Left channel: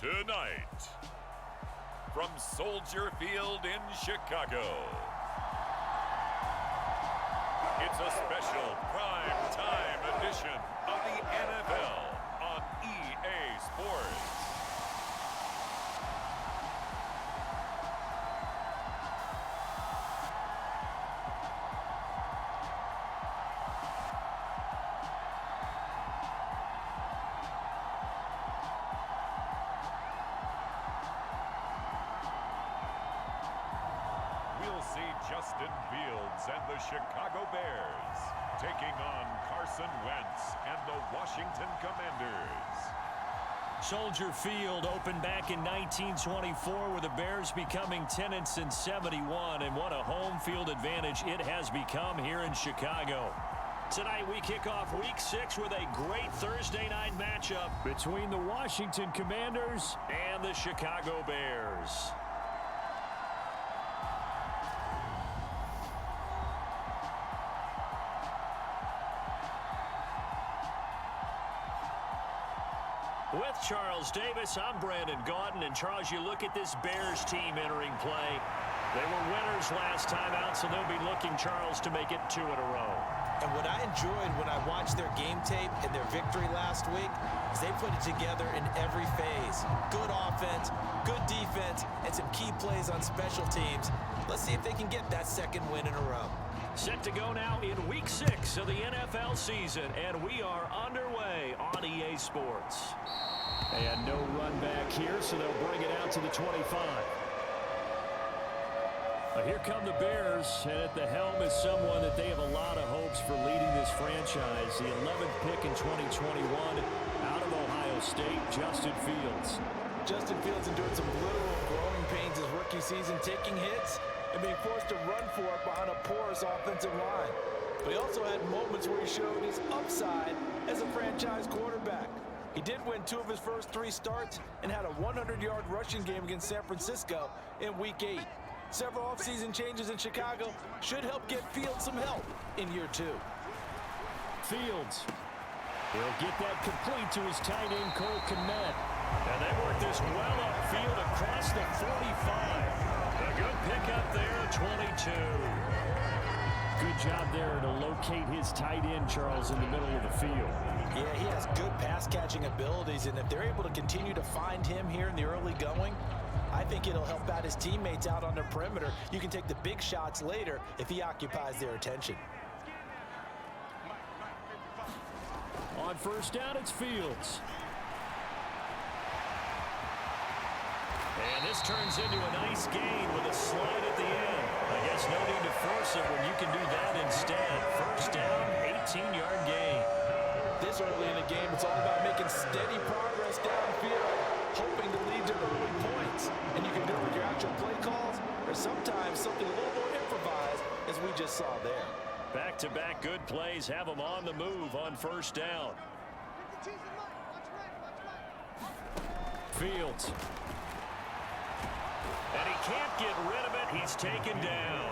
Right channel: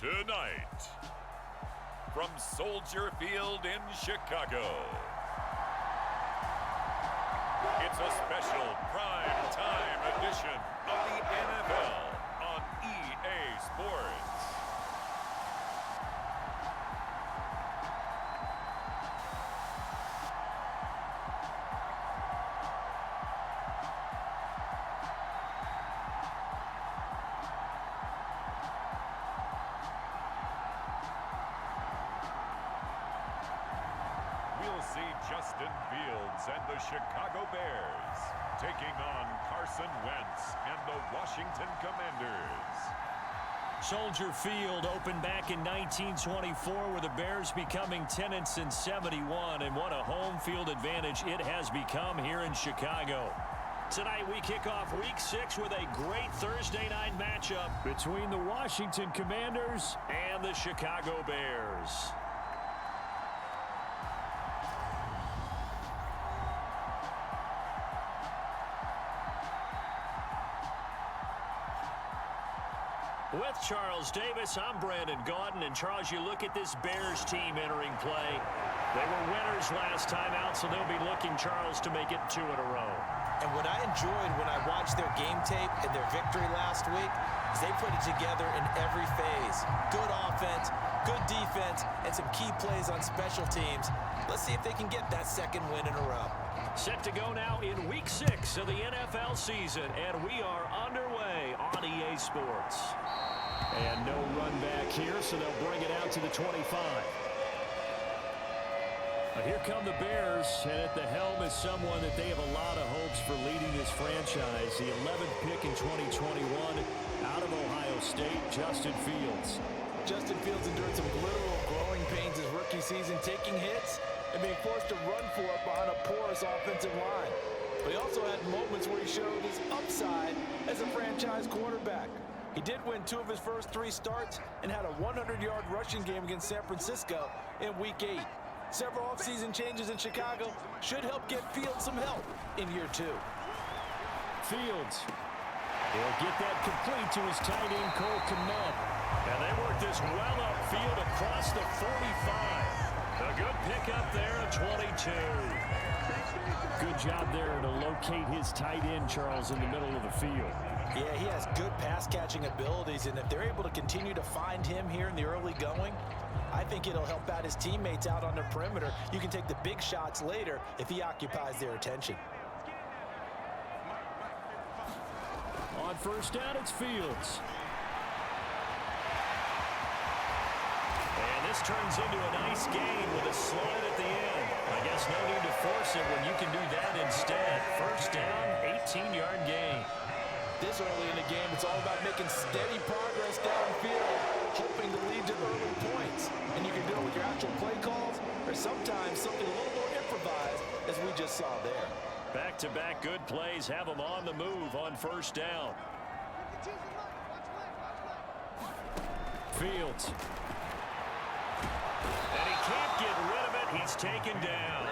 Tonight, from Soldier Field in Chicago, it's a special prime time edition of the NFL on EA Sports. We'll see Justin Fields and the Chicago Bears taking on Carson Wentz and the Washington Commanders. Soldier Field opened back in 1924 with the Bears becoming tenants in 71, and what a home field advantage it has become here in Chicago. Tonight we kick off Week 6 with a great Thursday night matchup between the Washington Commanders and the Chicago Bears. With Charles Davis, I'm Brandon Gaudin. And Charles, you look at this Bears team entering play. They were winners last time out, so they'll be looking, Charles, to make it 2 in a row. And what I enjoyed when I watched their game tape and their victory last week is they put it together in every phase. Good offense, good defense, and some key plays on special teams. Let's see if they can get that second win in a row. Set to go now in Week 6 of the NFL season, and we are underway on EA Sports. And no run back here, so they'll bring it out to the 25. Here come the Bears, and at the helm is someone that they have a lot of hopes for leading this franchise. The 11th pick in 2021 out of Ohio State, Justin Fields. Justin Fields endured some literal growing pains his rookie season, taking hits and being forced to run for it behind a porous offensive line. But he also had moments where he showed his upside as a franchise quarterback. He did win 2 of his first 3 starts and had a 100-yard rushing game against San Francisco in Week 8. Several offseason changes in Chicago should help get Fields some help in year 2. Fields. He'll get that complete to his tight end, Cole Kmet. And they work this well upfield across the 45. A good pickup there at 22. Good job there to locate his tight end, Charles, in the middle of the field. Yeah, he has good pass-catching abilities, and if they're able to continue to find him here in the early going, I think it'll help out his teammates out on the perimeter. You can take the big shots later if he occupies their attention. On first down, it's Fields. And this turns into a nice gain with a slide at the end. I guess no need to force it when you can do that instead. First down, 18-yard gain. This early in the game, it's all about making steady progress downfield, hoping to lead to early points. And you can do it with your actual play calls or sometimes something a little more improvised, as we just saw there. Back-to-back good plays have them on the move on first down. Fields. And he can't get rid of it. He's taken down.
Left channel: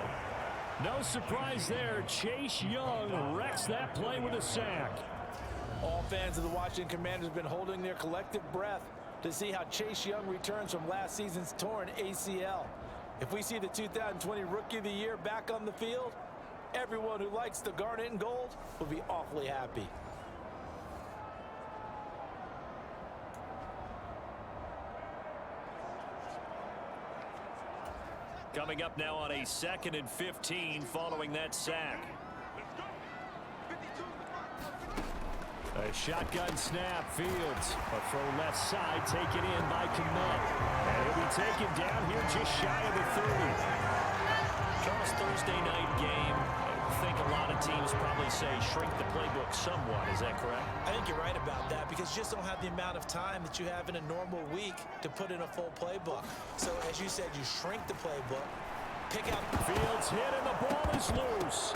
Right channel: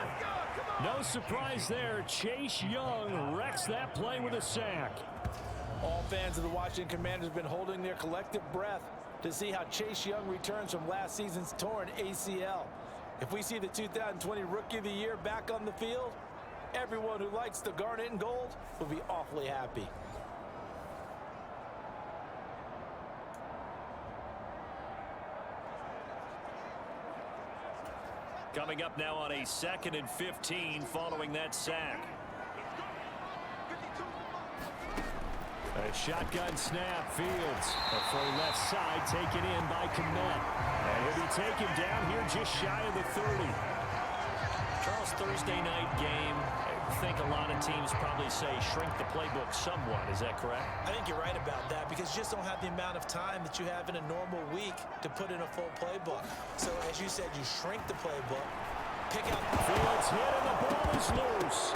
No surprise there. Chase Young wrecks that play with a sack. All fans of the Washington Commanders have been holding their collective breath to see how Chase Young returns from last season's torn ACL. If we see the 2020 Rookie of the Year back on the field, everyone who likes the garnet and gold will be awfully happy. Coming up now on a 2nd and 15 following that sack. A shotgun snap, Fields. A throw left side taken in by Kmet. And he'll be taken down here just shy of the 30. Charles, Thursday night game. I think a lot of teams probably say shrink the playbook somewhat. Is that correct? I think you're right about that because you just don't have the amount of time that you have in a normal week to put in a full playbook. So, as you said, you shrink the playbook, pick out... Fields hit and the ball is loose.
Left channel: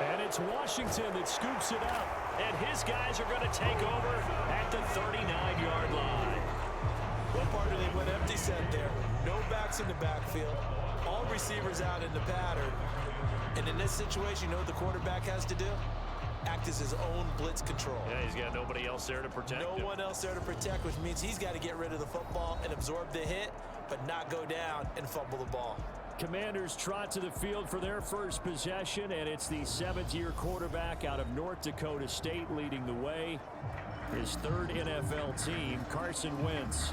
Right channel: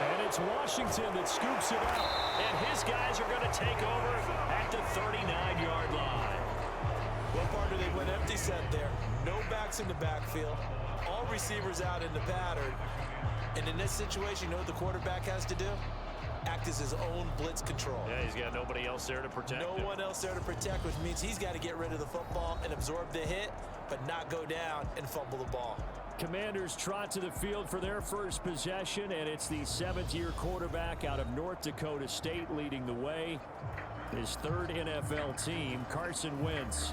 And it's Washington that scoops it up. And his guys are going to take over at the 39-yard line. What part do they went empty set there? No backs in the backfield. All receivers out in the pattern. And in this situation, you know what the quarterback has to do? act as his own blitz control. Yeah, he's got nobody else there to protect him. No one else there to protect, which means he's got to get rid of the football and absorb the hit, but not go down and fumble the ball. Commanders trot to the field for their first possession, and it's the seventh-year quarterback out of North Dakota State leading the way. His third NFL team, Carson Wentz.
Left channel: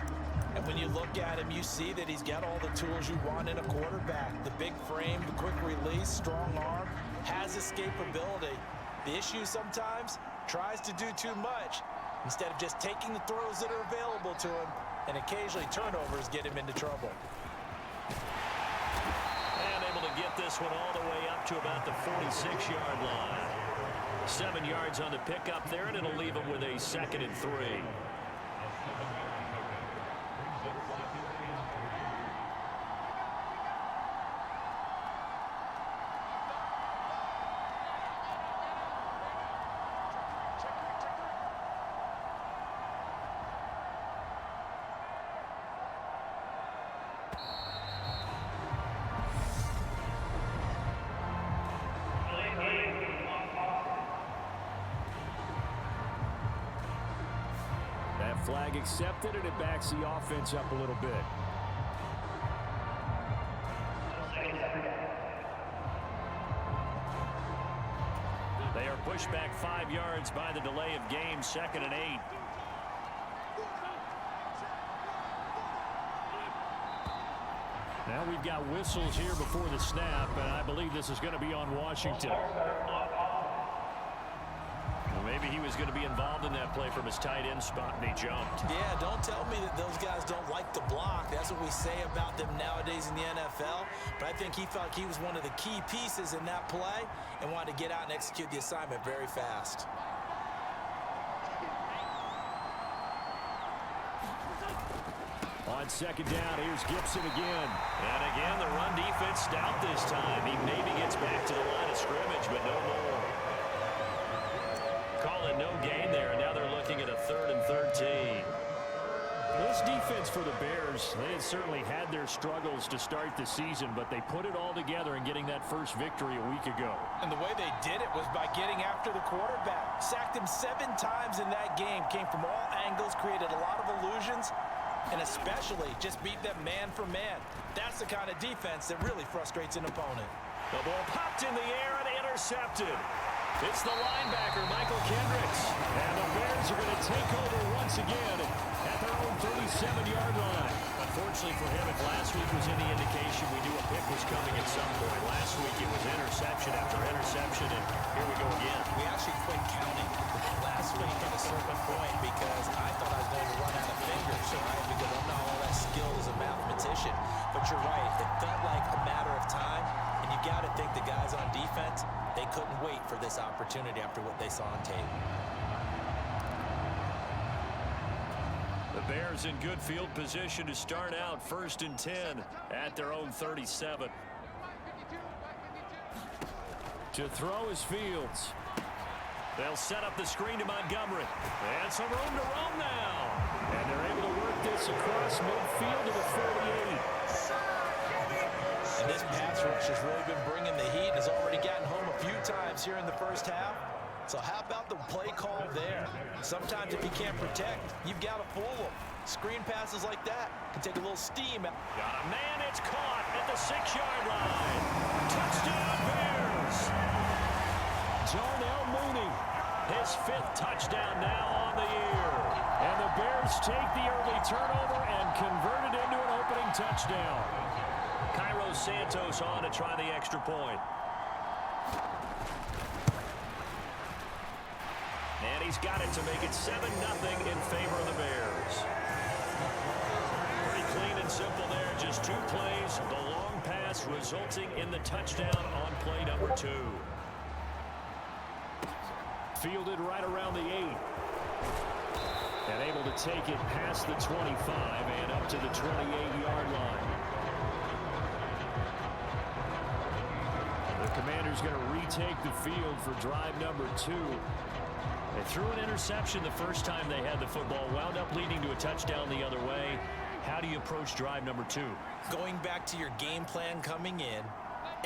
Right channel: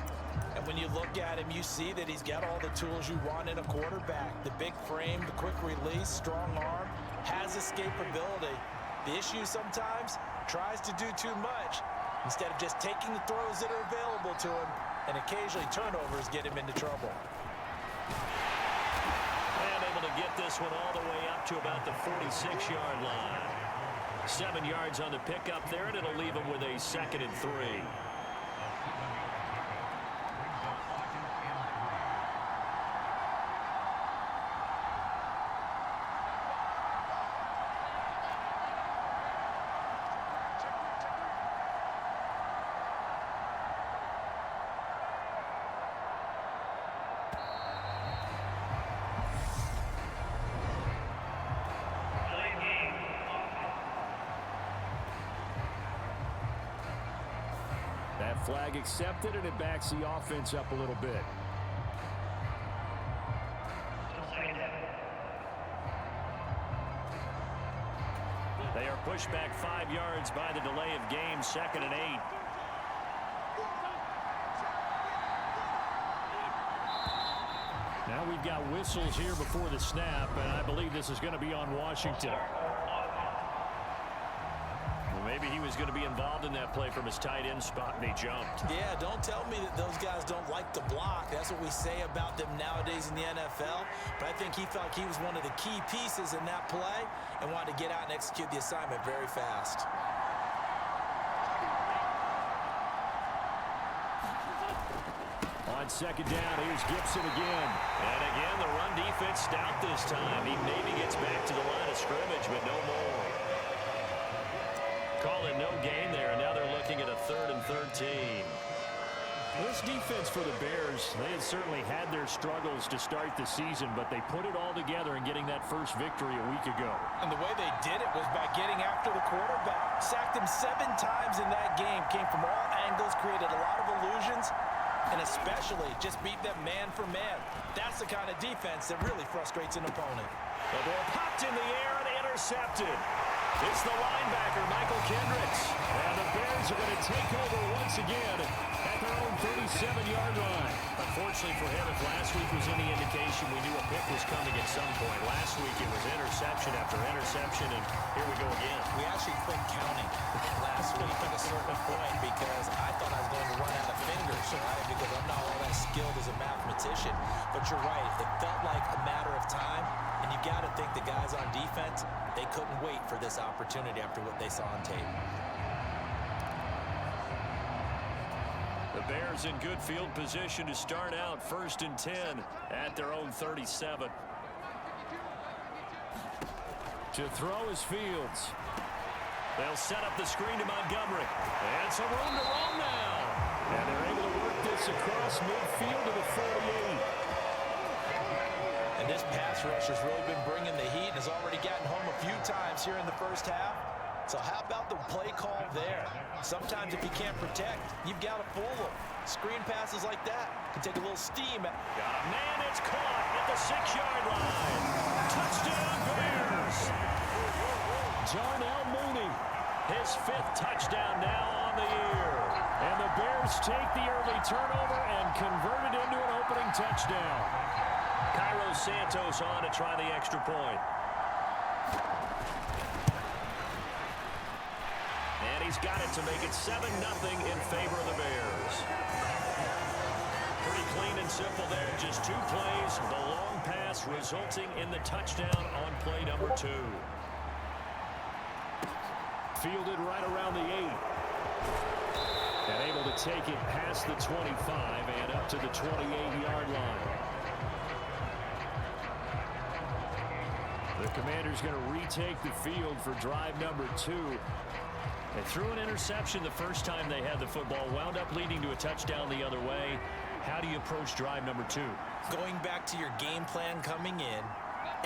And when you look at him, you see that he's got all the tools you want in a quarterback. The big frame, the quick release, strong arm, has escapability. The issue sometimes, tries to do too much instead of just taking the throws that are available to him, and occasionally turnovers get him into trouble. And able to get this one all the way up to about the 46-yard line. 7 yards on the pickup there, and it'll leave him with a 2nd and 3. That flag accepted, and it backs the offense up a little bit. They are pushed back 5 yards by the delay of game, 2nd and 8. Now we've got whistles here before the snap, and I believe this is going to be on Washington. Maybe he was going to be involved in that play from his tight end spot, and he jumped. Yeah, don't tell me that those guys don't like to block. That's what we say about them nowadays in the NFL. But I think he felt like he was one of the key pieces in that play and wanted to get out and execute the assignment very fast. On 2nd down, here's Gibson again. And again, the run defense stout this time. He maybe gets back to the line of scrimmage, but no more. Call it no gain there, and now they're looking at a 3rd and 13. This defense for the Bears, they had certainly had their struggles to start the season, but they put it all together in getting that first victory a week ago. And the way they did it was by getting after the quarterback. Sacked him 7 times in that game. Came from all angles, created a lot of illusions, and especially just beat them man for man. That's the kind of defense that really frustrates an opponent. The ball popped in the air and intercepted. It's the linebacker, Michael Kendricks. And the Bears are going to take over once again at their own 37-yard line. Unfortunately for him, if last week was any indication, we knew a pick was coming at some point. Last week it was interception after interception, and here we go again. We actually quit counting last week at a certain point because I thought I was going to run out of fingers, right? Because I'm not all that skilled as a mathematician. But you're right. It felt like a matter of time, and you got to think the guys on defense, they couldn't wait for this opportunity after what they saw on tape. The Bears in good field position to start out 1st and 10 at their own 37. To throw is Fields. They'll set up the screen to Montgomery. And some room to roam now. And they're able to work this across midfield to the 48. And this pass rush has really been bringing the heat and has already gotten home a few times here in the first half. So how about the play call there? Sometimes if you can't protect, you've got to fool them. Screen passes like that can take a little steam. Got a man, it's caught at the 6-yard line. Touchdown Bears! Darnell Mooney, his 5th touchdown now on the year. And the Bears take the early turnover and convert it into an opening touchdown. Cairo Santos on to try the extra point. And he's got it to make it 7-0 in favor of the Bears. Pretty clean and simple there. Just 2 plays. The long pass resulting in the touchdown on play number 2. Fielded right around the 8. And able to take it past the 25 and up to the 28-yard line. The Commanders going to retake the field for drive number 2. They threw an interception the first time they had the football, wound up leading to a touchdown the other way. How do you approach drive number 2? Going back to your game plan coming in,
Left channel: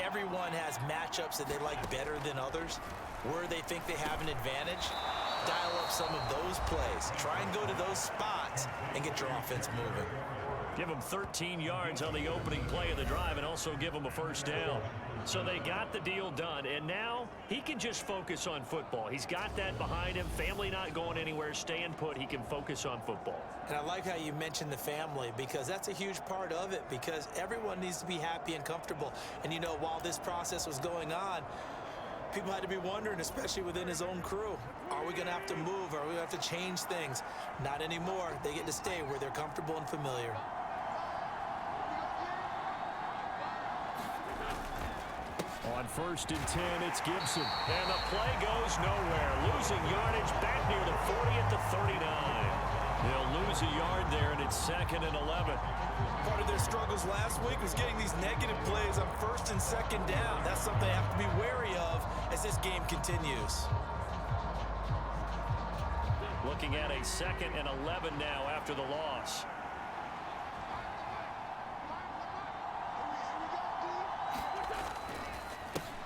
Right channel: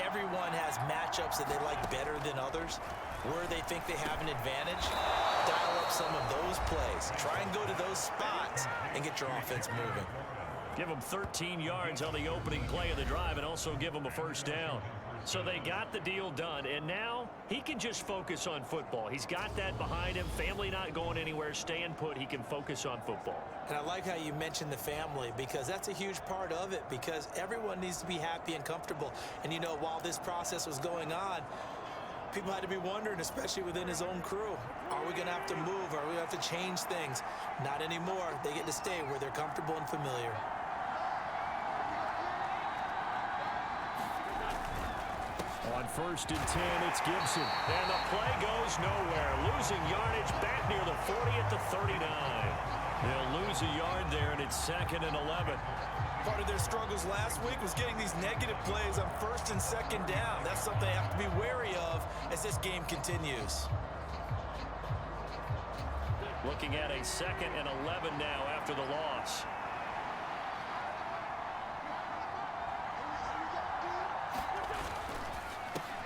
everyone has matchups that they like better than others. where they think they have an advantage, dial up some of those plays. Try and go to those spots and get your offense moving. Give them 13 yards on the opening play of the drive and also give them a first down. So they got the deal done, and now he can just focus on football. He's got that behind him. Family not going anywhere, staying put. He can focus on football. And I like how you mentioned the family, because that's a huge part of it, because everyone needs to be happy and comfortable. And, you know, while this process was going on, people had to be wondering, especially within his own crew, are we going to have to move? Are we going to have to change things? Not anymore. They get to stay where they're comfortable and familiar. On 1st and 10, it's Gibson. And the play goes nowhere. Losing yardage back near the 40 at the 39. They'll lose a yard there, and it's 2nd and 11. Part of their struggles last week was getting these negative plays on 1st and 2nd down. That's something they have to be wary of as this game continues. Looking at a 2nd and 11 now after the loss.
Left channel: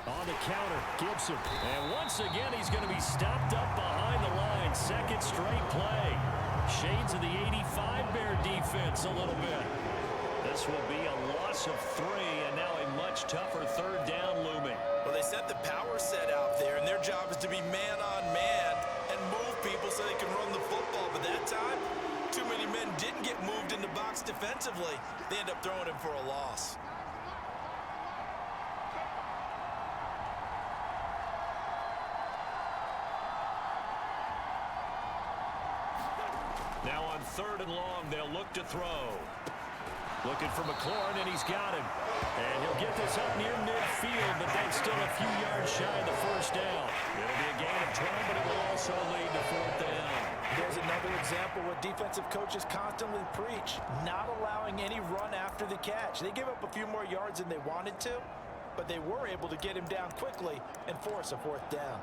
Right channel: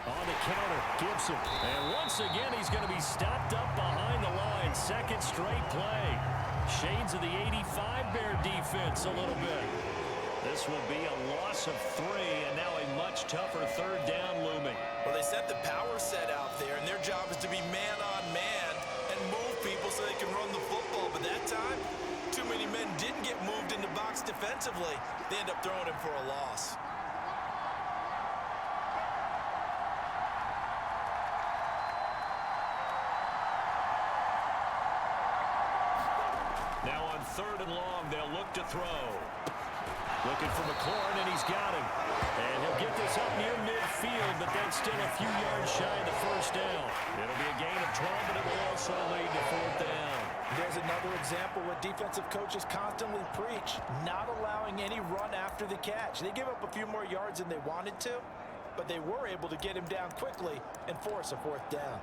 On the counter, Gibson. And once again, he's going to be stopped up behind the line. 2nd straight play. Shades of the 85 Bear defense a little bit. This will be a loss of 3, and now a much tougher 3rd down looming. Well, they set the power set out there, and their job is to be man on man and move people so they can run the football. But that time, too many men didn't get moved in the box defensively. They end up throwing him for a loss. Now on 3rd and long, they'll look to throw. Looking for McLaurin, and he's got him. And he'll get this up near midfield, but that's still a few yards shy of the 1st down. It'll be a gain of 12, but it will also lead to 4th down. There's another example what defensive coaches constantly preach, not allowing any run after the catch. They gave up a few more yards than they wanted to, but they were able to get him down quickly and force a 4th down.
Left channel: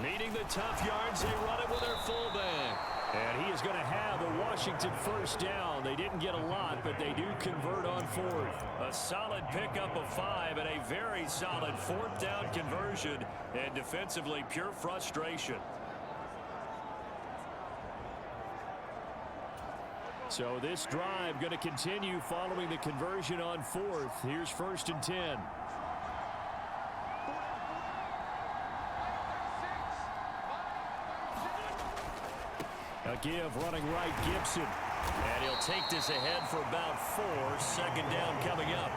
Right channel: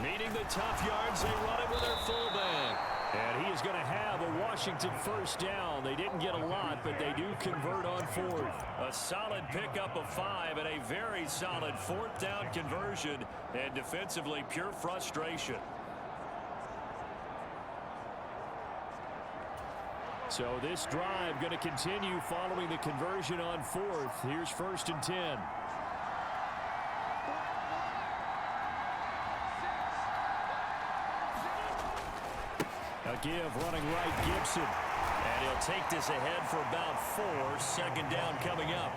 Needing the tough yards, they run it with their fullback. And he is going to have a Washington 1st down. They didn't get a lot, but they do convert on 4th. A solid pickup of 5 and a very solid 4th down conversion. And defensively, pure frustration. So this drive going to continue following the conversion on 4th. Here's 1st and 10. A give running right, Gibson. And he'll take this ahead for about 4. 2nd down coming up.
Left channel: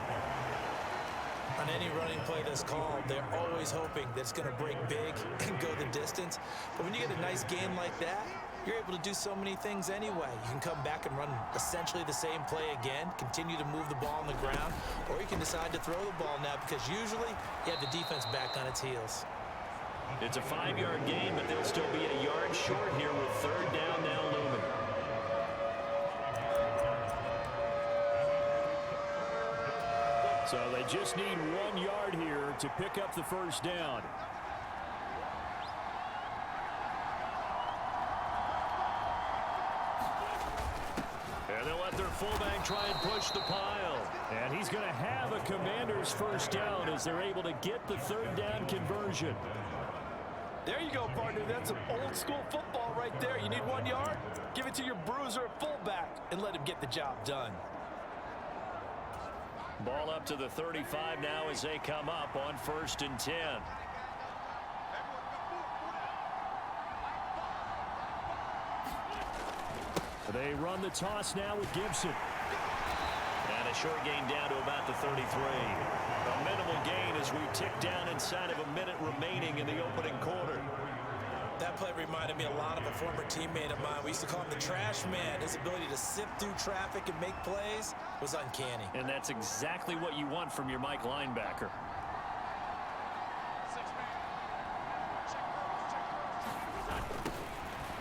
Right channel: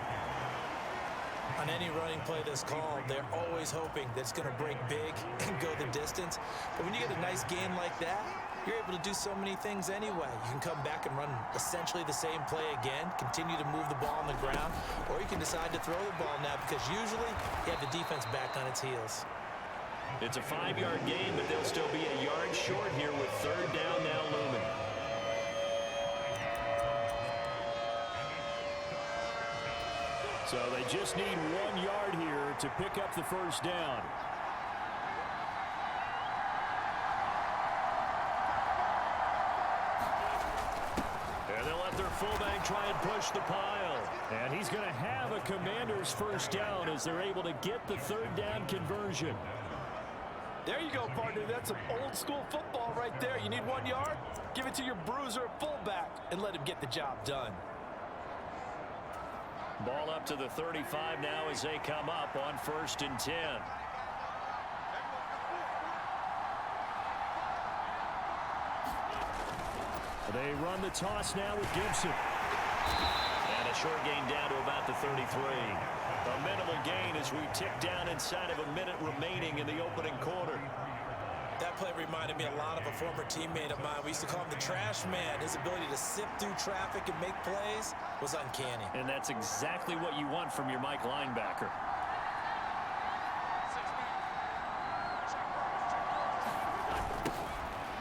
On any running play that's called, they're always hoping that it's going to break big and go the distance. But when you get a nice gain like that, you're able to do so many things anyway. You can come back and run essentially the same play again, continue to move the ball on the ground, or you can decide to throw the ball now because usually you have the defense back on its heels. It's a 5-yard gain, but they'll still be a yard short here with 3rd down now looming. So they just need 1 yard here to pick up the 1st down. And they'll let their fullback try and push the pile. And he's going to have a Commanders 1st down as they're able to get the 3rd down conversion. There you go, partner. That's some old-school football right there. You need 1 yard? Give it to your bruiser at fullback and let him get the job done. Ball up to the 35 now as they come up on 1st and 10. They run the toss now with Gibson. And a short gain down to about the 33. A minimal gain as we tick down inside of a minute remaining in the opening quarter. That play reminded me a lot of a former teammate of mine. We used to call him the trash man. His ability to sift through traffic and make plays was uncanny. And that's exactly what you want from your Mike linebacker.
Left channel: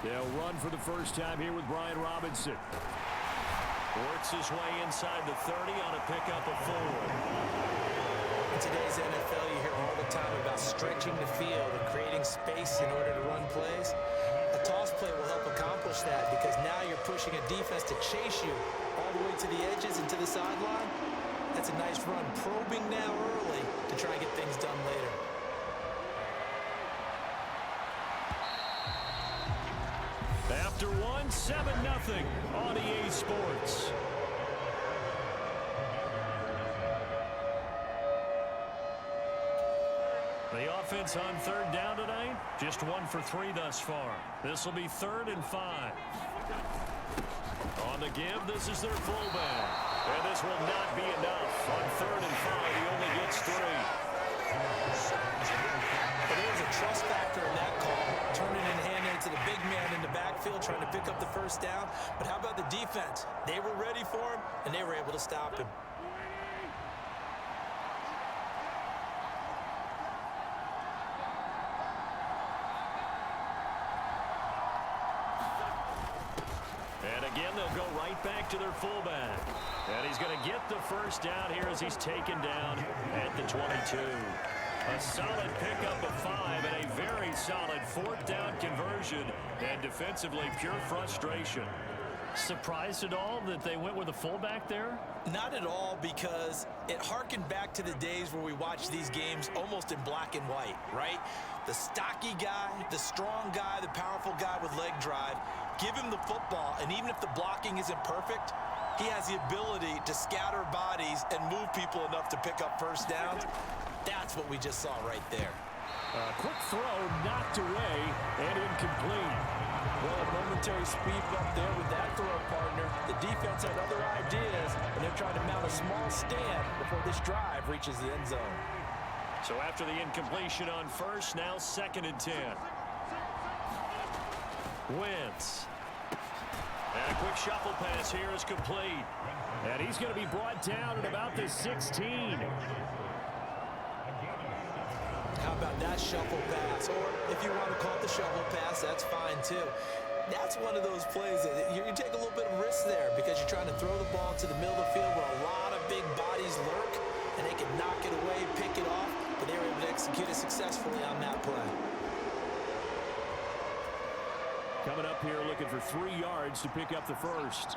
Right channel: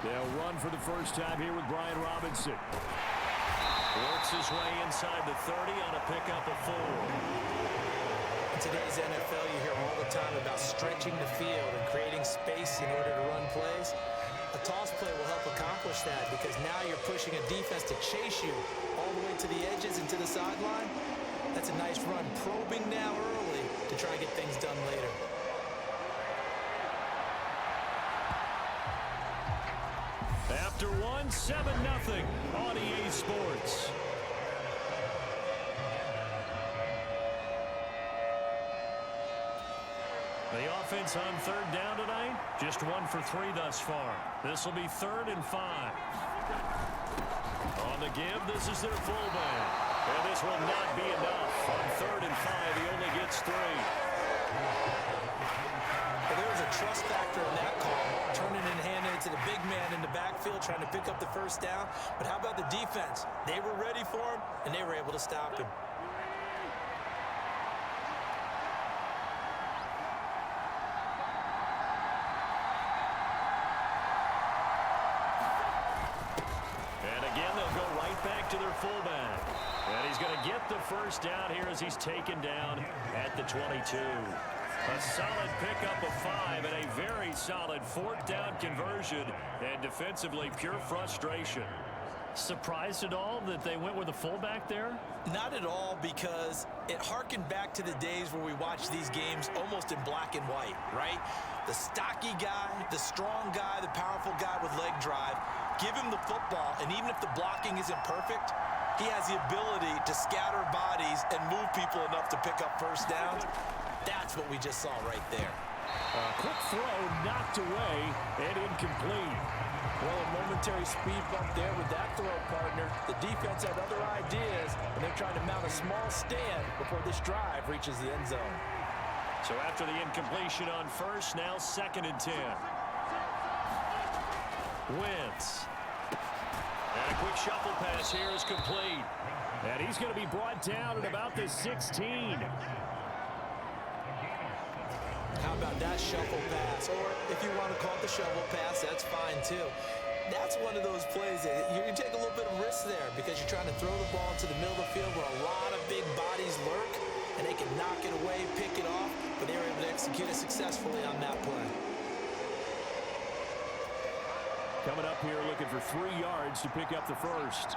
They'll run for the first time here with Brian Robinson. Works his way inside the 30 on a pickup of 4. In today's NFL, you hear all the time about stretching the field and creating space in order to run plays. A toss play will help accomplish that because now you're pushing a defense to chase you all the way to the edges and to the sideline. That's a nice run, probing now early to try and get things done later. After one, 7-0 on EA Sports. The offense on third down tonight, just 1 for 3 thus far. This will be 3rd and 5. On the give, this is their fullback. And this will not be enough. On 3rd and 5, he only gets 3. Well, there was a trust factor in that call, turning and handing it to the big man in the backfield, trying to pick up the first down. But how about the defense? They were ready for him, and they were able to stop him. And again, they'll go right back to their fullback. And he's going to get the first down here as he's taken down at the 22. A solid pickup of 5 and a very solid 4th down conversion. And defensively, pure frustration. Surprised at all that they went with a fullback there? Not at all, because it harkened back to the days where we watched these games almost in black and white, right? The stocky guy, the strong guy, the powerful guy with leg drive. Give him the football, and even if the blocking isn't perfect, he has the ability to scatter bodies and move people enough to pick up first downs. That's what we just saw right there. A quick throw knocked away and incomplete. Well, a momentary speed bump there with that throw, partner. The defense had other ideas, and they're trying to mount a small stand before this drive reaches the end zone. So after the incompletion on first, now 2nd and 10. Wentz. And a quick shuffle pass here is complete. And he's going to be brought down at about the 16. How about that shuffle pass? Or if you want to call it the shovel pass, that's fine too. That's one of those plays that you take a little bit of risk there because you're trying to throw the ball into the middle of the field where a lot of big bodies lurk, and they can knock it away, pick it off, but they were able to execute it successfully on that play. Coming up here looking for 3 yards to pick up the first.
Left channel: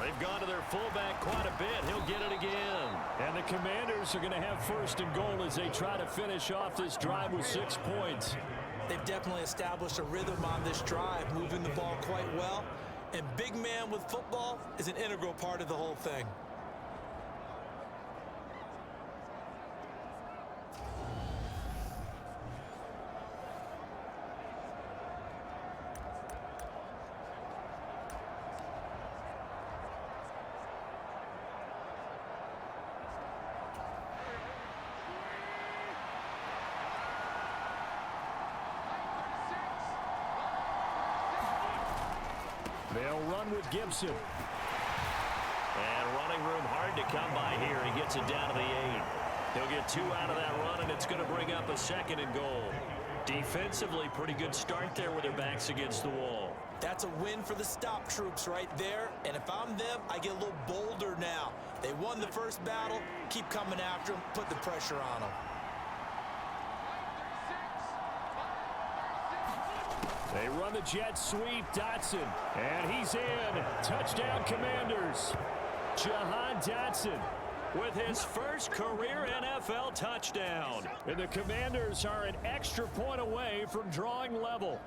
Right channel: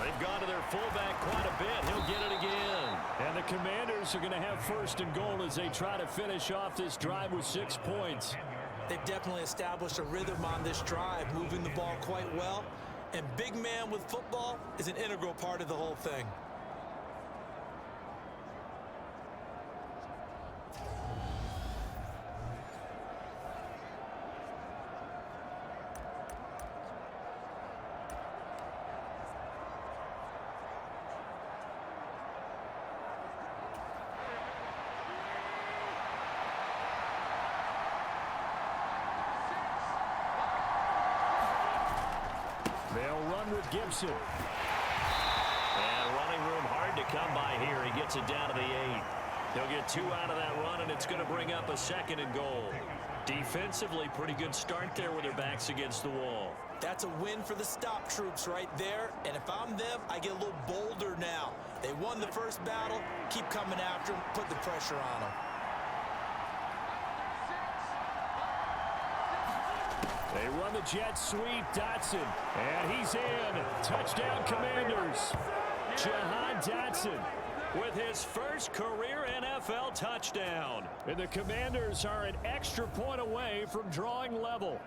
They've gone to their fullback quite a bit. He'll get it again. And the Commanders are going to have 1st and goal as they try to finish off this drive with 6 points. They've definitely established a rhythm on this drive, moving the ball quite well. And big man with football is an integral part of the whole thing. They'll run with Gibson. And running room hard to come by here. He gets it down to the 8. He'll get 2 out of that run, and it's going to bring up a 2nd and goal. Defensively, pretty good start there with their backs against the wall. That's a win for the stop troops right there. And if I'm them, I get a little bolder now. They won the first battle. Keep coming after them. Put the pressure on them. They run the jet sweep. Dotson. And he's in. Touchdown, Commanders. Jahan Dotson with his first career NFL touchdown. And the Commanders are an extra point away from drawing level.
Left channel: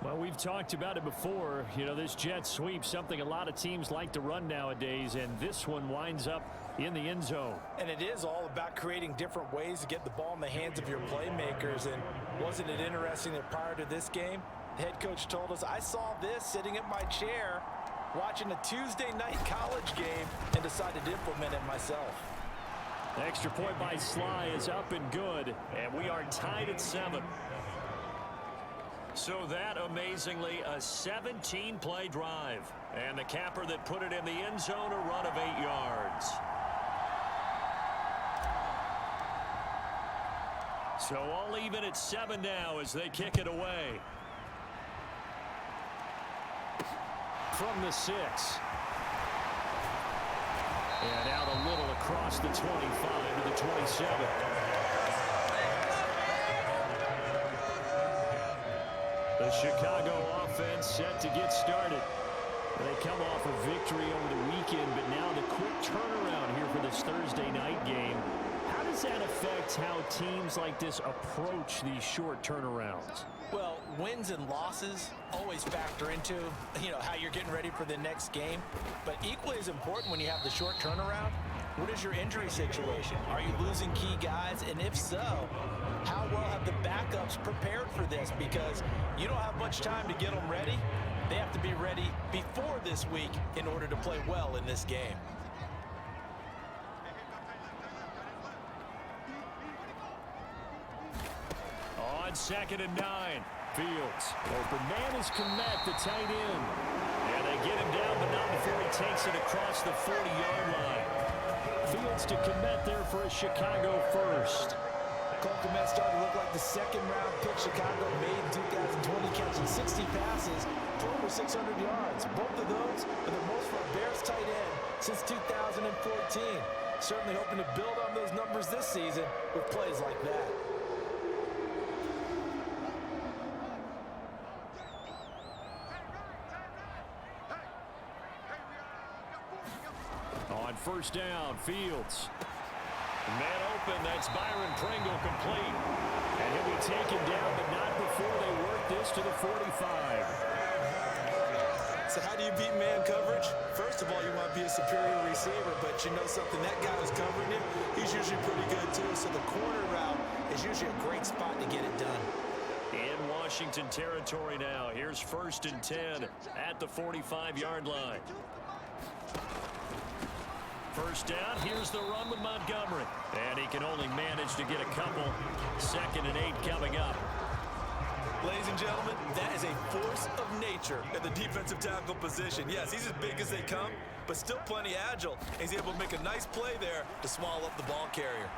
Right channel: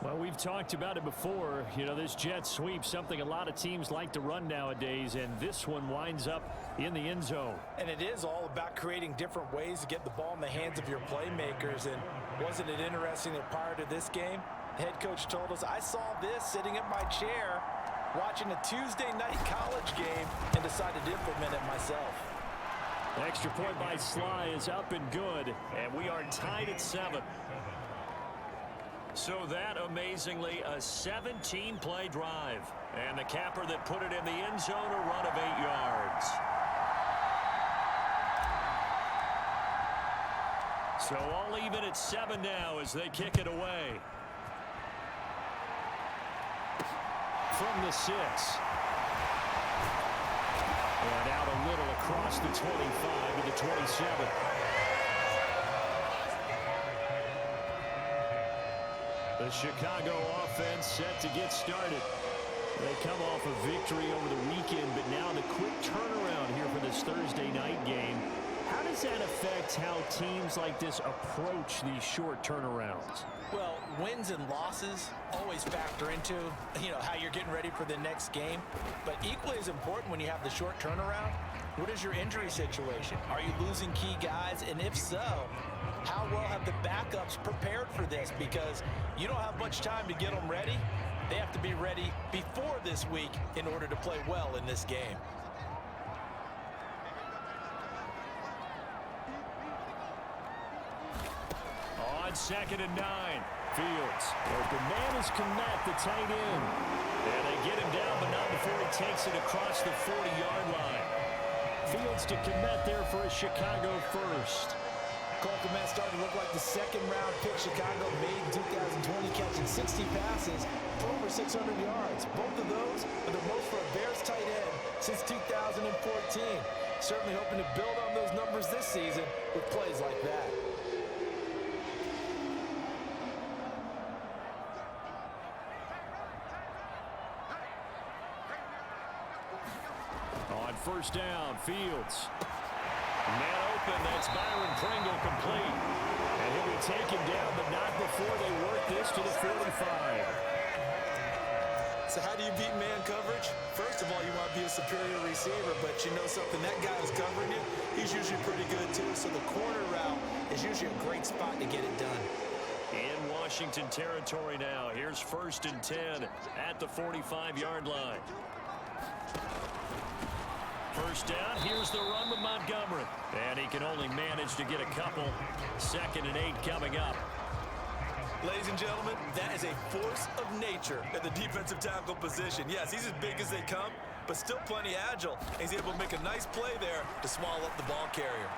Well, we've talked about it before. You know, this jet sweep, something a lot of teams like to run nowadays, and this one winds up in the end zone. And it is all about creating different ways to get the ball in the hands of your playmakers. And wasn't it interesting that prior to this game, the head coach told us, I saw this sitting in my chair watching a Tuesday night college game and decided to implement it myself. The extra point by Sly is up and good, and we are tied at 7. So that, amazingly, a 17-play drive. And the capper that put it in the end zone, a run of 8 yards. So all even at 7 now as they kick it away. from the 6. And out a little across the 25 to the 27. The Chicago offense set to get started. They come off a victory over the weekend, but now the quick turnaround here for this Thursday night game. How does that affect how teams like this approach these short turnarounds? Well, wins and losses always factor into, how you're getting ready for the next game. But equally as important when you have the short turnaround, what is your injury situation? Are you losing key guys? And if so, how well have the backups prepared for this? Because you don't have much time to get them ready. They have to be ready before this week in order to play well in this game. On 2nd and 9, Fields. Open man is Kmet, the tight end. And they get him down, but not before he takes it across the 40-yard line. Fields to Kmet there for a Chicago first. Cole Kmet started to look like the second-round pick Chicago made in 2020, catching 60 passes for over 600 yards. Both of those are the most for a Bears tight end since 2014. Certainly hoping to build on those numbers this season with plays like that. On 1st down, Fields. Man open, that's Byron Pringle complete. And he'll be taken down, but not before they work this to the 45. So how do you beat man coverage? First of all, you want to be a superior receiver, but you know something, that guy who's covering you, he's usually pretty good too. So the corner route is usually a great spot to get it done. In Washington territory now. Here's 1st and 10 at the 45-yard line. 1st down, here's the run with Montgomery. And he can only manage to get a couple. 2nd and 8 coming up. Ladies and gentlemen, that is a force of nature at the defensive tackle position. Yes, he's as big as they come, but still plenty agile. He's able to make a nice play there to swallow up the ball carrier.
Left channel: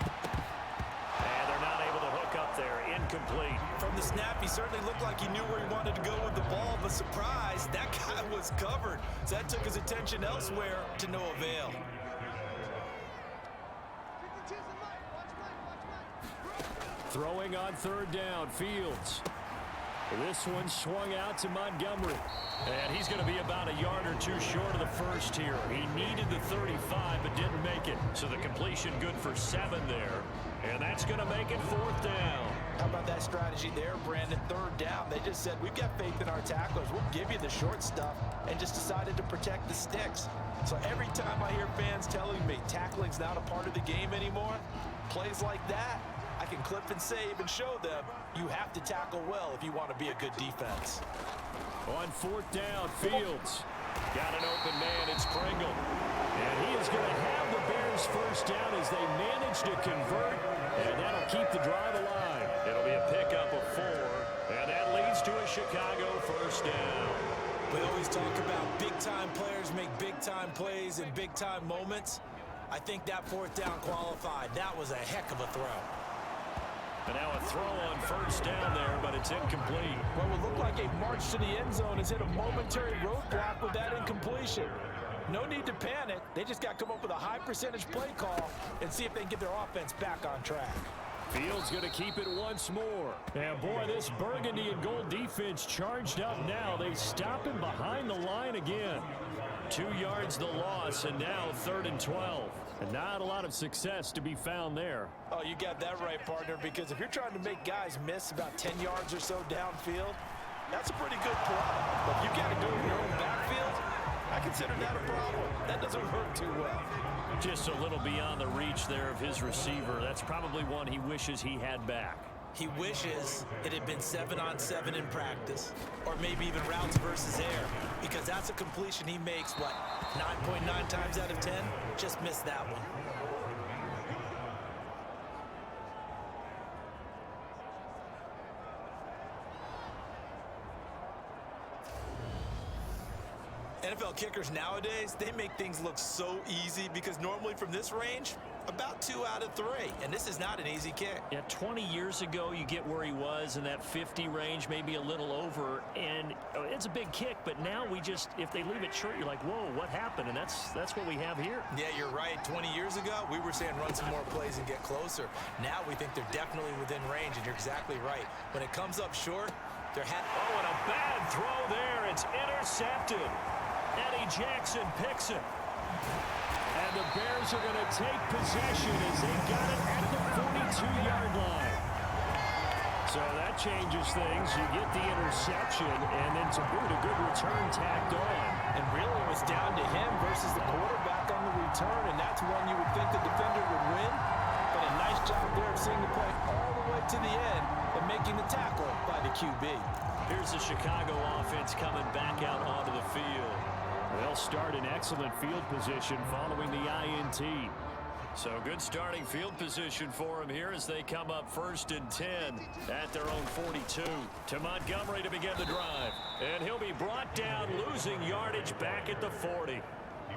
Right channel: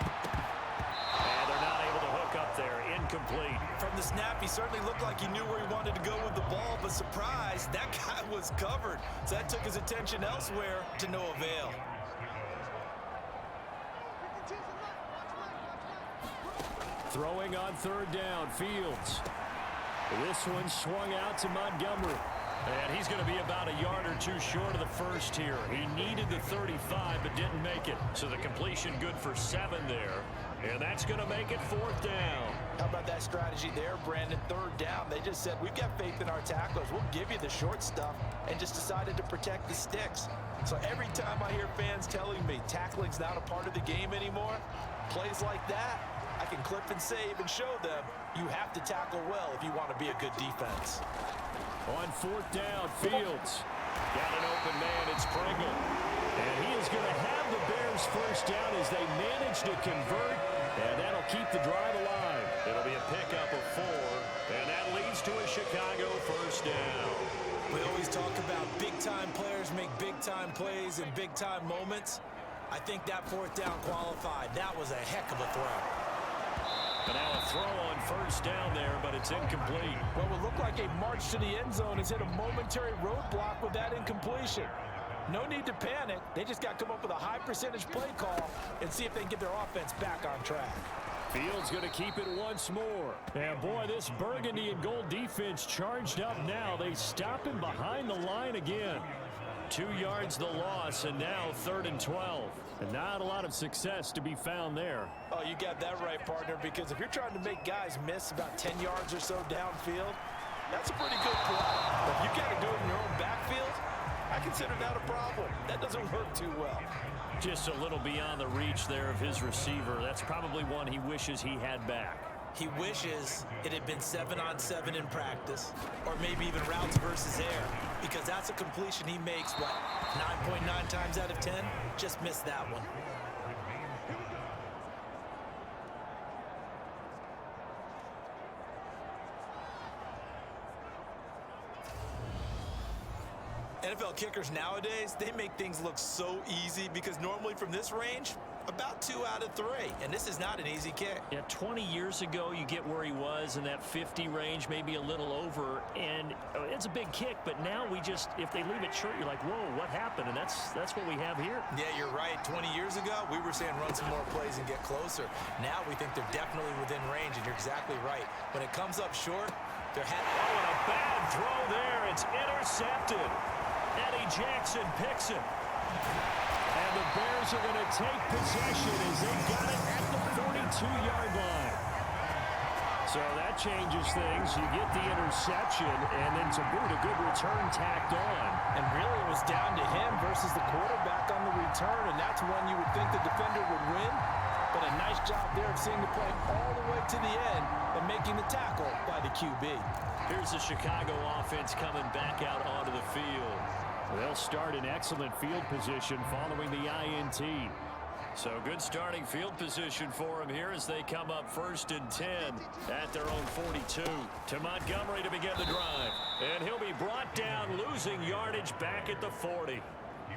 And they're not able to hook up there. Incomplete. From the snap, he certainly looked like he knew where he wanted to go with the ball, but surprise, that guy was covered. So that took his attention elsewhere to no avail. Throwing on 3rd down, Fields. This one swung out to Montgomery. And he's going to be about a yard or two short of the first here. He needed the 35, but didn't make it. So the completion good for 7 there. And that's going to make it 4th down. How about that strategy there, Brandon? 3rd down. They just said, we've got faith in our tacklers. We'll give you the short stuff, and just decided to protect the sticks. So every time I hear fans telling me tackling's not a part of the game anymore, plays like that, I can clip and save and show them you have to tackle well if you want to be a good defense. On 4th down, Fields. Got an open man, it's Pringle. And he is going to have the Bears 1st down as they manage to convert, and that'll keep the drive alive. It'll be a pickup of 4, and that leads to a Chicago 1st down. We always talk about big-time players make big-time plays in big-time moments. I think that 4th down qualified. That was a heck of a throw. And now a throw on 1st down there, but it's incomplete. What would look like a march to the end zone has hit a momentary roadblock with that incompletion. No need to panic. They just got to come up with a high percentage play call and see if they can get their offense back on track. Fields going to keep it once more. And boy, this burgundy and gold defense charged up now. They stop him behind the line again. 2 yards the loss, and now 3rd and 12. And not a lot of success to be found there. Oh, you got that right, partner, because if you're trying to make guys miss about 10 yards or so downfield, that's a pretty good play. But if you got to do it in your own backfield, I consider that a problem. That doesn't work too well. Just a little beyond the reach there of his receiver. That's probably one he wishes he had back. He wishes it had been 7-on-7 in practice, or maybe even routes versus air, because that's a completion he makes, 9.9 times out of 10? Just missed that one. NFL kickers nowadays, they make things look so easy because normally from this range, About 2 out of 3, and this is not an easy kick. Yeah, 20 years ago, you get where he was in that 50 range, maybe a little over, and it's a big kick, but now if they leave it short, you're like, whoa, what happened? And that's what we have here. Yeah, you're right. 20 years ago, we were saying run some more plays and get closer. Now we think they're definitely within range, and you're exactly right. When it comes up short, they're oh, and a bad throw there. It's intercepted. Eddie Jackson picks it. And the Bears are going to take possession as they got it at the 42-yard line. So that changes things. You get the interception, and then to boot, a good return tacked on. And really, it was down to him versus the quarterback on the return, and that's one you would think the defender would win. But a nice job there of seeing the play all the way to the end and making the tackle by the QB. Here's the Chicago offense coming back out onto the field. They'll start in excellent field position following the INT. So good starting field position for them here as they come up 1st and 10 at their own 42. To Montgomery to begin the drive. And he'll be brought down, losing yardage back at the 40.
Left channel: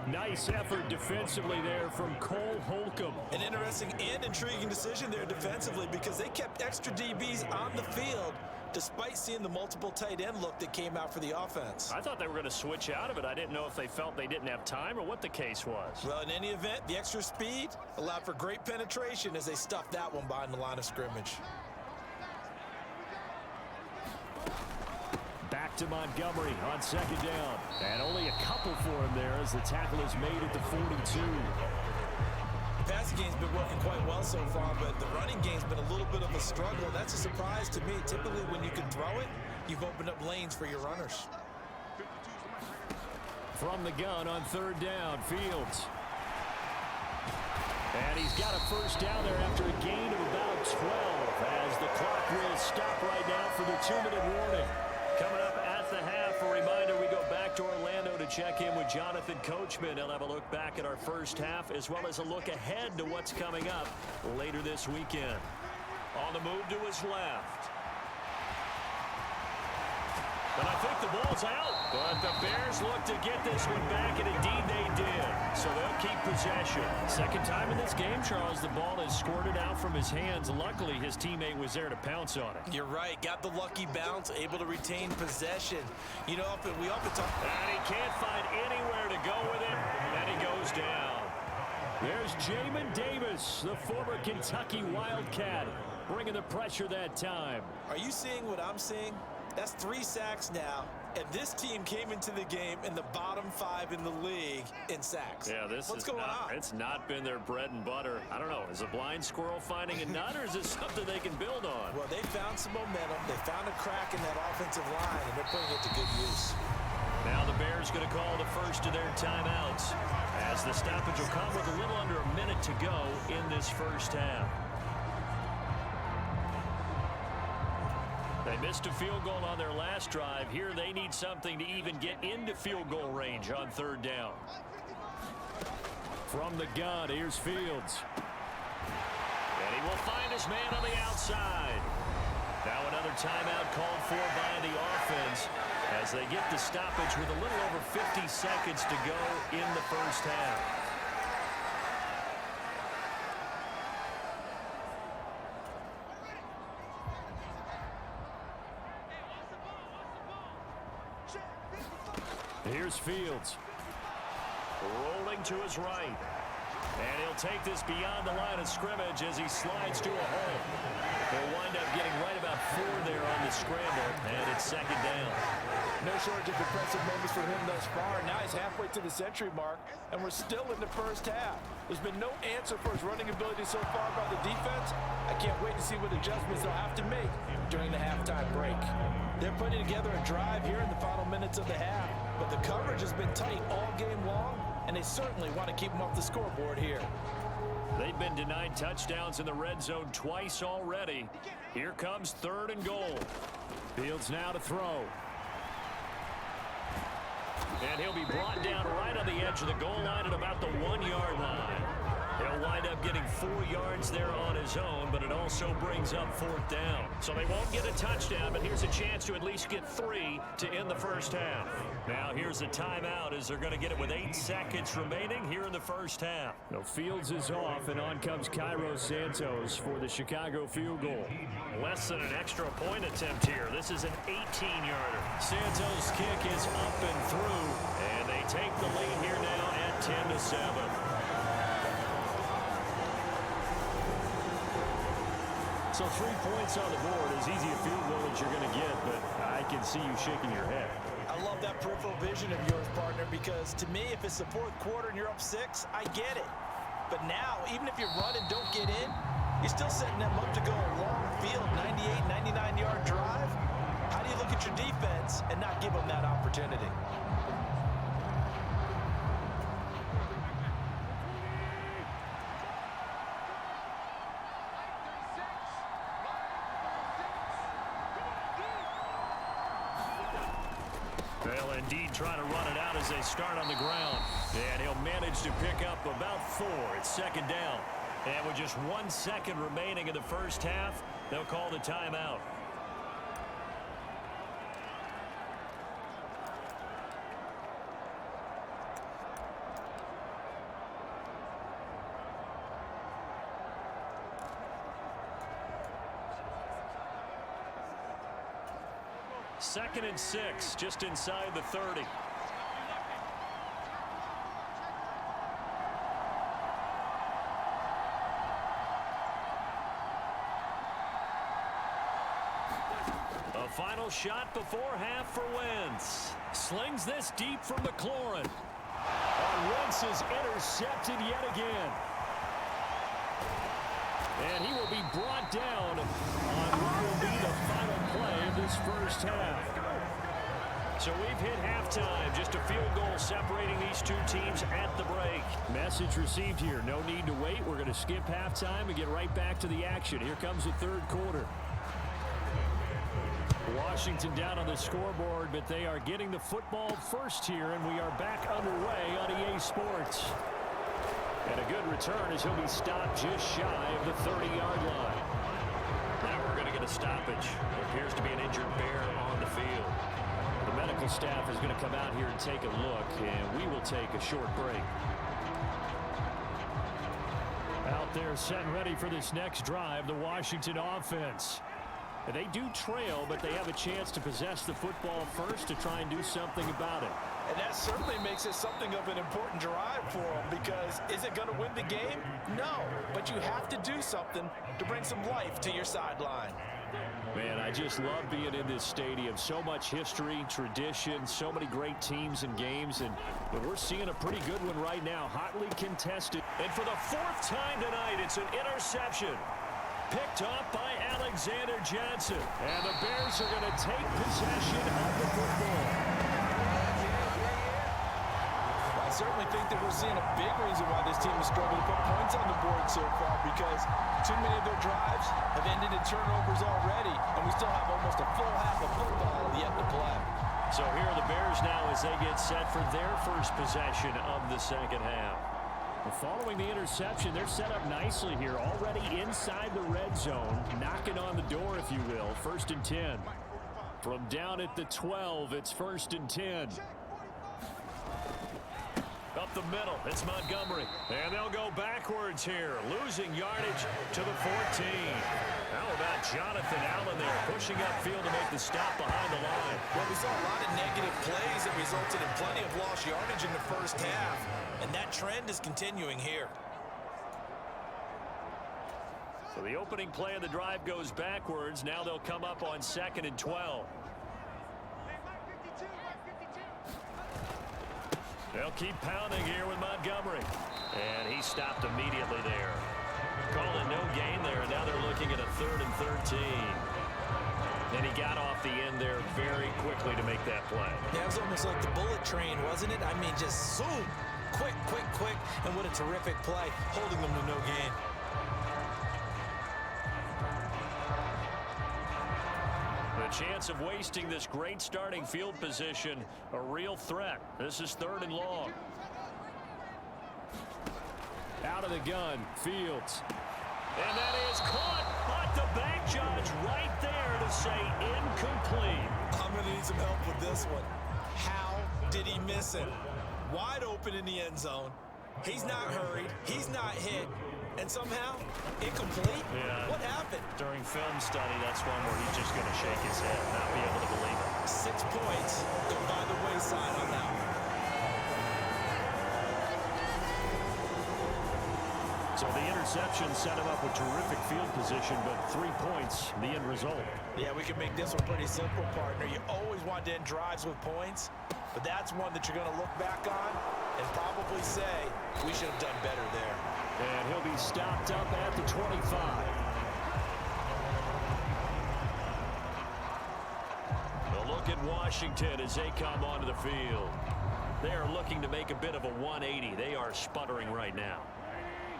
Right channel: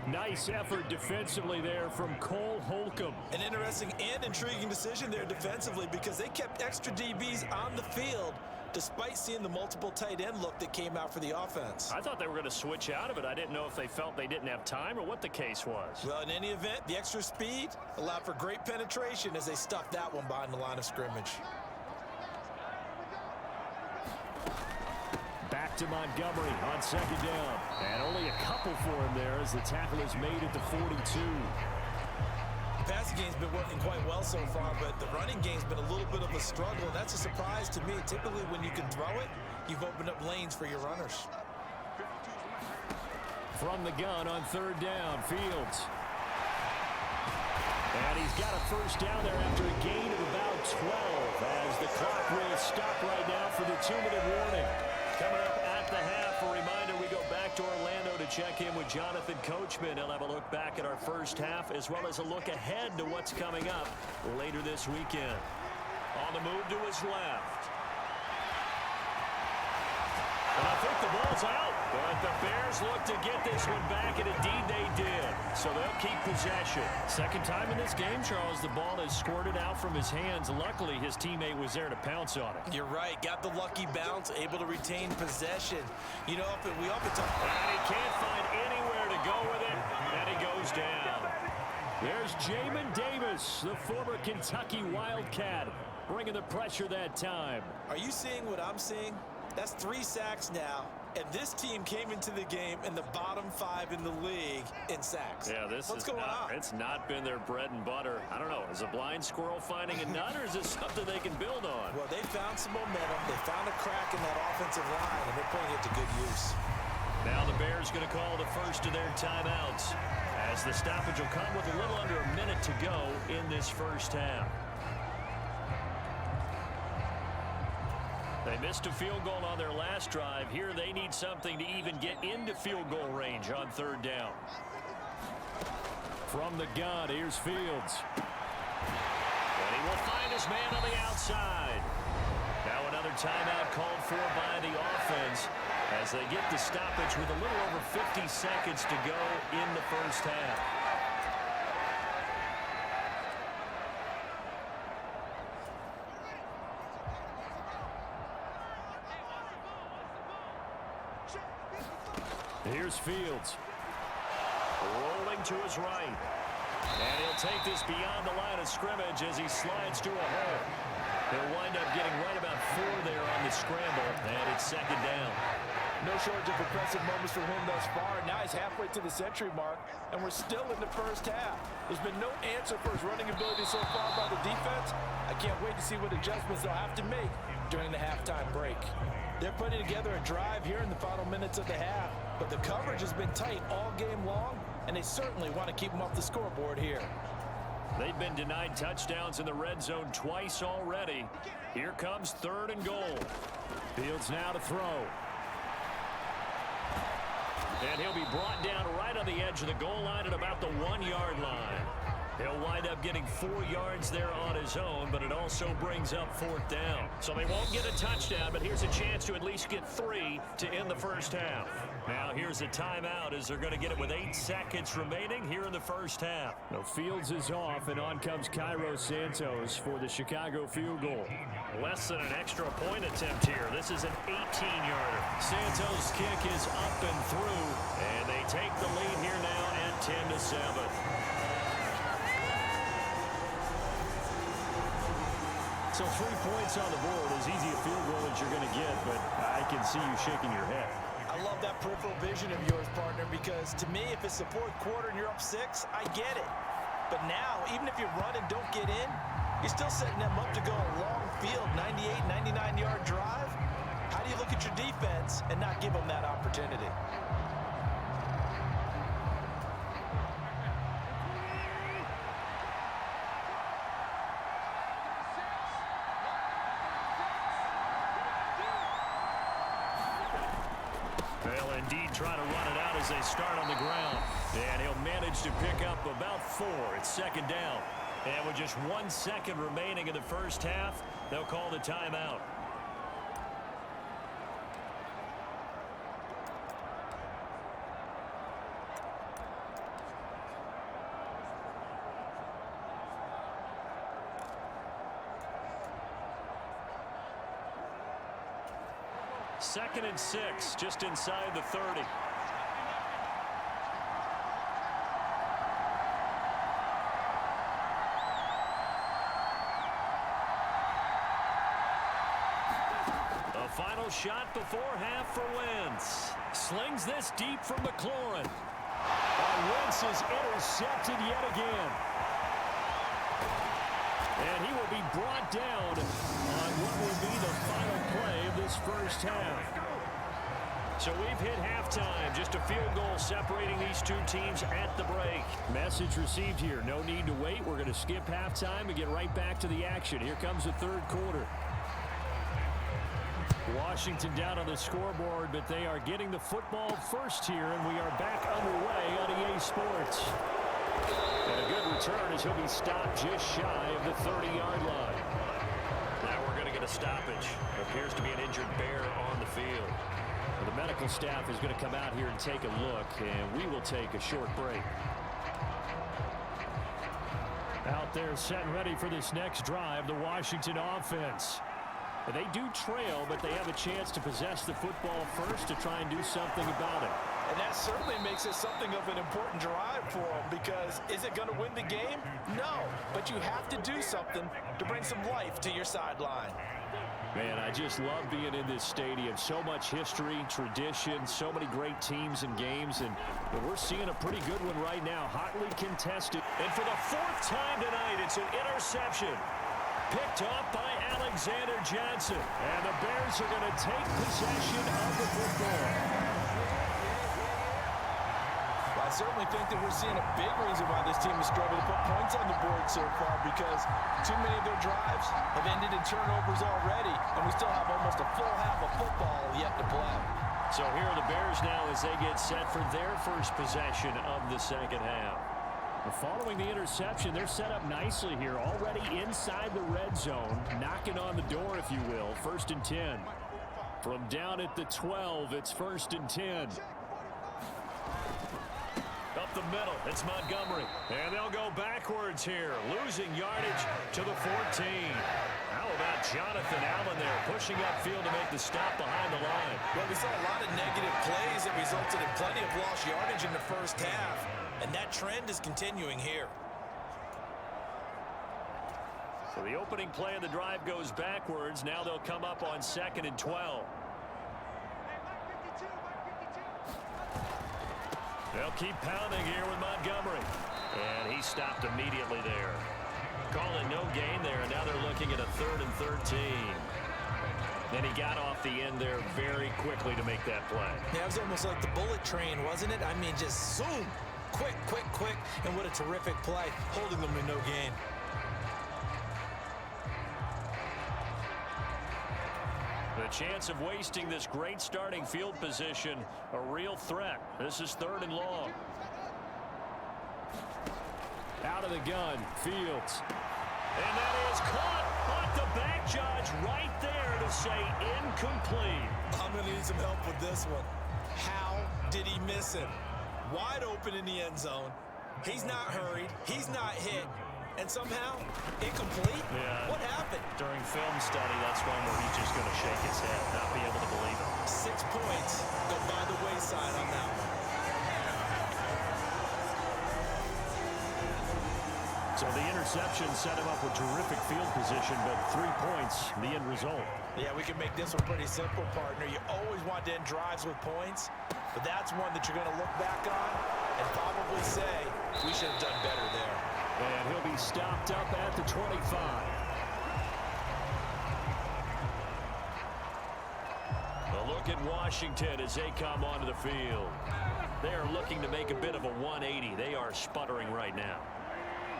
Nice effort defensively there from Cole Holcomb. An interesting and intriguing decision there defensively because they kept extra DBs on the field despite seeing the multiple tight end look that came out for the offense. I thought they were going to switch out of it. I didn't know if they felt they didn't have time or what the case was. Well, in any event, the extra speed allowed for great penetration as they stuffed that one behind the line of scrimmage. Back to Montgomery on 2nd down. And only a couple for him there as the tackle is made at the 42. The passing game's been working quite well so far, but the running game's been a little bit of a struggle. That's a surprise to me. Typically, when you can throw it, you've opened up lanes for your runners. From the gun on 3rd down, Fields. And he's got a 1st down there after a gain of about 12 as the clock will stop right now for the 2-minute warning. Coming up at the half, a reminder, we go back to Orlando to check in with Jonathan Coachman. He'll have a look back at our first half as well as a look ahead to what's coming up later this weekend. On the move to his left. And I think the ball's out, but the Bears look to get this one back, and indeed they did. So they'll keep possession. Second time in this game, Charles, the ball has squirted out from his hands. Luckily, his teammate was there to pounce on it. You're right. Got the lucky bounce, able to retain possession. You know, we often talk... And he can't find anywhere to go with it, and he goes down. There's Jamin Davis, the former Kentucky Wildcat, bringing the pressure that time. Are you seeing what I'm seeing? That's 3 sacks now, and this team came into the game in the bottom 5 in the league in sacks. Yeah, What's going on? It's not been their bread and butter. I don't know. Is a blind squirrel finding a nut, or is it something they can build on? Well, they found some momentum. They found a crack in that offensive line, and they're putting it to good use. Now the Bears going to call the first of their timeouts as the stoppage will come with a little under a minute to go in this first half. They missed a field goal on their last drive. Here they need something to even get into field goal range on 3rd down. From the gun, here's Fields. And he will find his man on the outside. Now another timeout called for by the offense as they get the stoppage with a little over 50 seconds to go in the first half. Here's Fields. Rolling to his right. And he'll take this beyond the line of scrimmage as he slides to a hole. He'll wind up getting right about 4 there on the scramble, and it's 2nd down. No shortage of impressive moments for him thus far. Now he's halfway to the century mark, and we're still in the first half. There's been no answer for his running ability so far by the defense. I can't wait to see what adjustments they'll have to make during the halftime break. They're putting together a drive here in the final minutes of the half, but the coverage has been tight all game long, and they certainly want to keep them off the scoreboard here. They've been denied touchdowns in the red zone twice already. Here comes 3rd and goal. Fields now to throw. And he'll be brought down right on the edge of the goal line at about the 1-yard line. He'll wind up getting 4 yards there on his own, but it also brings up 4th down. So they won't get a touchdown, but here's a chance to at least get 3 to end the first half. Now here's a timeout as they're going to get it with 8 seconds remaining here in the first half. Now Fields is off, and on comes Cairo Santos for the Chicago field goal. Less than an extra point attempt here. This is an 18-yarder. Santos' kick is up and through, and they take the lead here now at 10-7. So 3 points on the board, as easy a field goal as you're going to get, but I can see you shaking your head. I love that peripheral vision of yours, partner, because to me, if it's the 4th quarter and you're up 6, I get it. But now, even if you run and don't get in, you're still setting them up to go a long field, 98, 99-yard drive. How do you look at your defense and not give them that opportunity? They'll indeed try to run it out as they start on the ground. And he'll manage to pick up about 4. It's 2nd down. And with just 1 second remaining in the first half, they'll call the timeout. Second and 6, just inside the 30. A final shot before half for Wentz. Slings this deep from McLaurin. Wentz is intercepted yet again. And he will be brought down on what will be the final play of this first half. So we've hit halftime. Just a field goal separating these two teams at the break. Message received here. No need to wait. We're going to skip halftime and get right back to the action. Here comes the 3rd quarter. Washington down on the scoreboard, but they are getting the football first here, and we are back underway on EA Sports. And a good return as he'll be stopped just shy of the 30-yard line. Now we're going to get a stoppage. There appears to be an injured Bear on the field. The medical staff is going to come out here and take a look, and we will take a short break. Out there set and ready for this next drive, the Washington offense. And they do trail, but they have a chance to possess the football first to try and do something about it. And that certainly makes it something of an important drive for them, because is it going to win the game? No, but you have to do something to bring some life to your sideline. Man, I just love being in this stadium. So much history, tradition, so many great teams and games, and we're seeing a pretty good one right now, hotly contested. And for the 4th time tonight, it's an interception. Picked up by Alexander Johnson. And the Bears are going to take possession of the football. Well, I certainly think that we're seeing a big reason why this team has struggled to put points on the board so far, because too many of their drives have ended in turnovers already, and we still have almost a full half of football yet to play. So here are the Bears now as they get set for their first possession of the second half. Following the interception, they're set up nicely here, already inside the red zone, knocking on the door, if you will. 1st and 10. From down at the 12, it's 1st and 10. Up the middle, it's Montgomery. And they'll go backwards here, losing yardage to the 14. How about Jonathan Allen there, pushing upfield to make the stop behind the line? Well, we saw a lot of negative plays that resulted in plenty of lost yardage in the first half, and that trend is continuing here. So the opening play of the drive goes backwards. Now they'll come up on 2nd and 12. They'll keep pounding here with Montgomery. And he stopped immediately there. Calling no gain there, and now they're looking at a 3rd and 13. And he got off the end there very quickly to make that play. Yeah, it was almost like the bullet train, wasn't it? I mean, just zoom. Quick, quick, quick. And what a terrific play, holding them to no gain. The chance of wasting this great starting field position, a real threat. This is 3rd and long. Out of the gun, Fields. And that is caught, but the back judge right there to say incomplete. I'm going to need some help with this one. How did he miss it? Wide open in the end zone. He's not hurried. He's not hit. And somehow, incomplete? Yeah. What happened? During film study, that's one where he's just going to shake his head, not be able to believe it. 6 points go by the wayside on that one. So the interception set him up with terrific field position, but 3 points, the end result. Yeah, we can make this one pretty simple, partner. You always want to end drives with points, but that's one that you're going to look back on and probably say, we should have done better there. And he'll be stopped up at the 25. A look at Washington as they come onto the field. They are looking to make a bit of a 180. They are sputtering right now.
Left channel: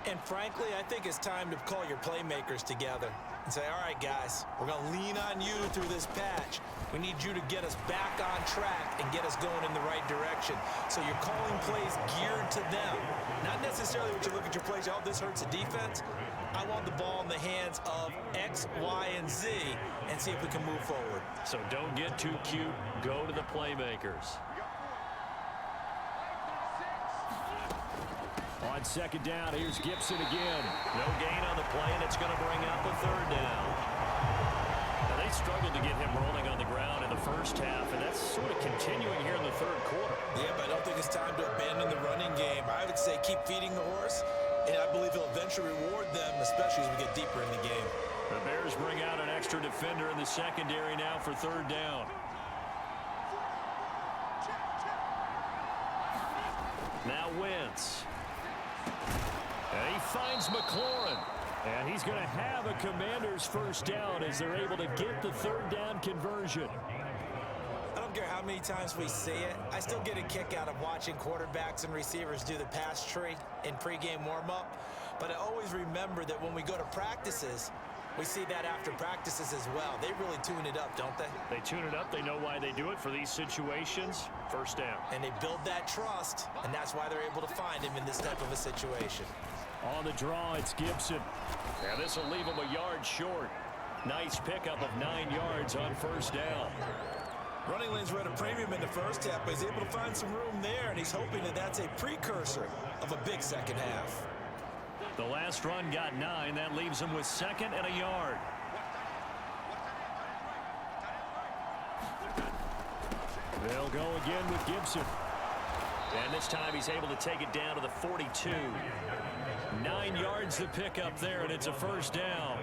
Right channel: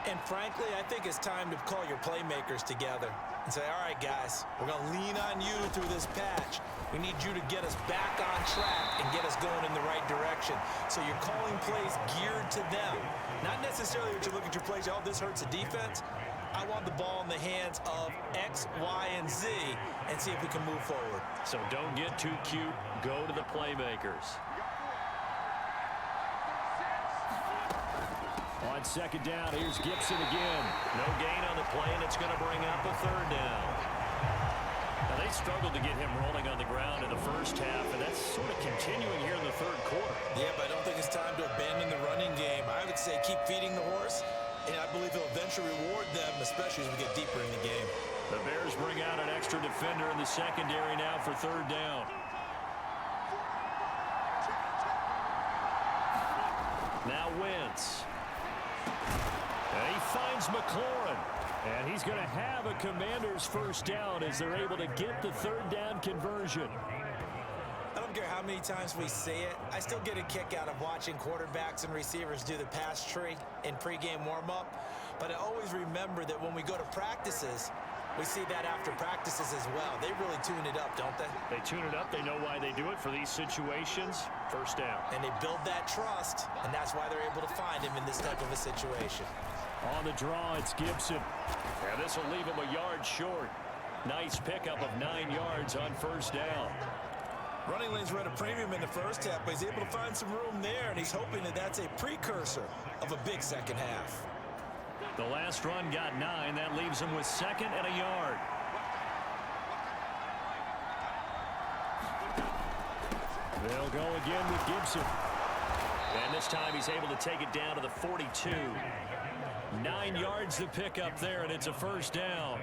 And frankly, I think it's time to call your playmakers together and say, all right, guys, we're going to lean on you through this patch. We need you to get us back on track and get us going in the right direction. So you're calling plays geared to them. Not necessarily what you look at your plays, oh, this hurts the defense. I want the ball in the hands of X, Y, and Z and see if we can move forward. So don't get too cute. Go to the playmakers. On second down, here's Gibson again. No gain on the play, and it's going to bring up a third down. Now, they struggled to get him rolling on the ground in the first half, and that's sort of continuing here in the third quarter. Yeah, but I don't think it's time to abandon the running game. I would say keep feeding the horse, and I believe he'll eventually reward them, especially as we get deeper in the game. The Bears bring out an extra defender in the secondary now for third down. Now Wentz. And he finds McLaurin. And he's going to have a Commander's first down as they're able to get the third down conversion. I don't care how many times we see it. I still get a kick out of watching quarterbacks and receivers do the pass tree in pregame warm-up. But I always remember that when we go to practices, we see that after practices as well. They really tune it up, don't they? They tune it up. They know why they do it for these situations. First down. And they build that trust, and that's why they're able to find him in this type of a situation. On the draw, it's Gibson. Yeah, this will leave him a yard short. Nice pickup of 9 yards on first down. Running lanes were at a premium in the first half, but he's able to find some room there, and he's hoping that that's a precursor of a big second half. The last run got 9. That leaves him with second and a yard. They'll go again with Gibson. And this time he's able to take it down to the 42. 9 yards to pick up there, and it's a first down.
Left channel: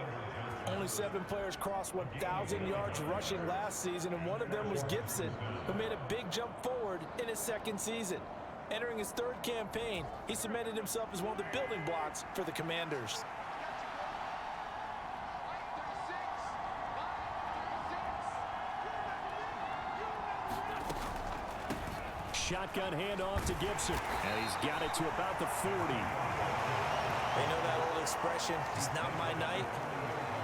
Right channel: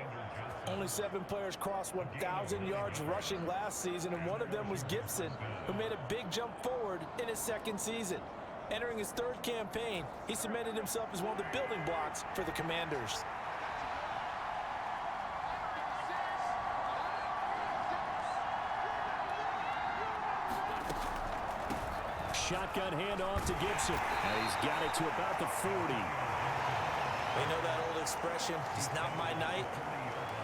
Only 7 players crossed 1,000 yards rushing last season, and one of them was Gibson, who made a big jump forward in his second season. Entering his third campaign, he cemented himself as one of the building blocks for the Commanders. Shotgun handoff to Gibson. And he's got it to about the 40. They know that old expression, it's not my night.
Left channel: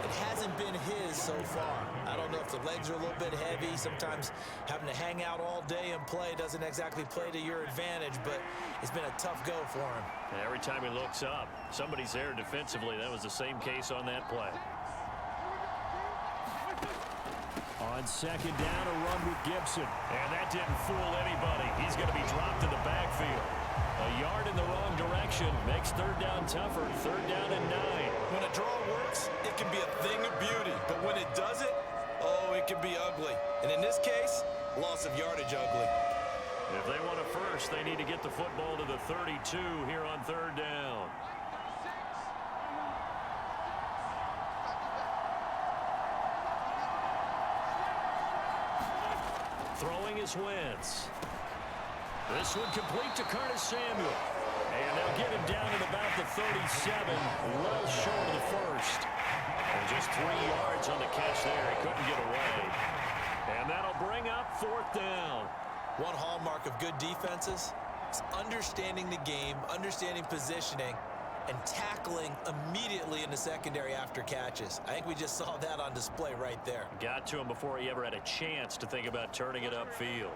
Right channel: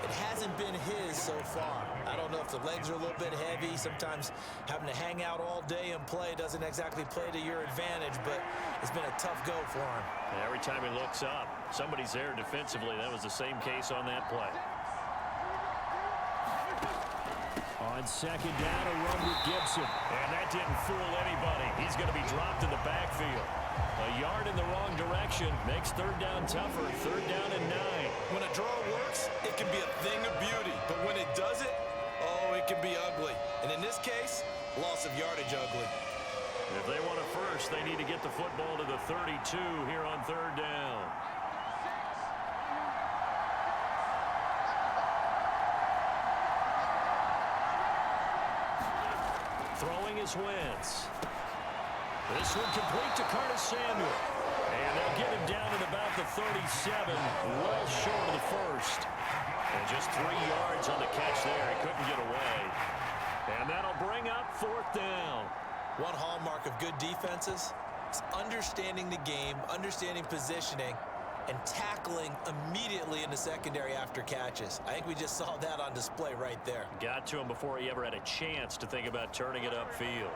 It hasn't been his so far. I don't know if the legs are a little bit heavy. Sometimes having to hang out all day and play doesn't exactly play to your advantage, but it's been a tough go for him. Every time he looks up, somebody's there defensively. That was the same case on that play. On second down, a run with Gibson. And that didn't fool anybody. He's going to be dropped in the backfield. A yard in the wrong direction makes third down tougher. Third down and 9. When a draw works, it can be a thing of beauty. But when it doesn't, oh, it can be ugly. And in this case, loss of yardage ugly. If they want a first, they need to get the football to the 32 here on third down. Throwing is Wentz. This one complete to Curtis Samuel. And they'll get him down at about the 37, well short of the first. And just 3 yards on the catch there. He couldn't get away. And that'll bring up fourth down. One hallmark of good defenses is understanding the game, understanding positioning, and tackling immediately in the secondary after catches. I think we just saw that on display right there. Got to him before he ever had a chance to think about turning it upfield.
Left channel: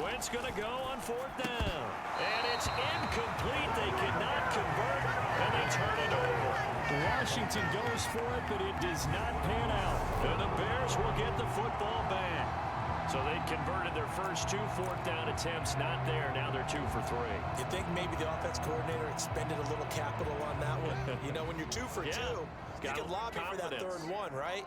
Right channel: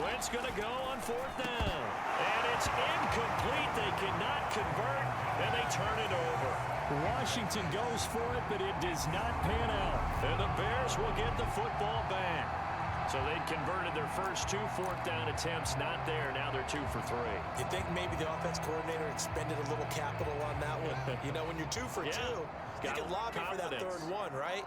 Wentz going to go on 4th down. And it's incomplete. They cannot convert, and they turn it over. Washington goes for it, but it does not pan out. And the Bears will get the football back. So they converted their first 2 4th down attempts. Not there. Now they're 2 for 3. You think maybe the offense coordinator expended a little capital on that one? You know, when you're 2 for 2, you can lobby for that 3rd one, right?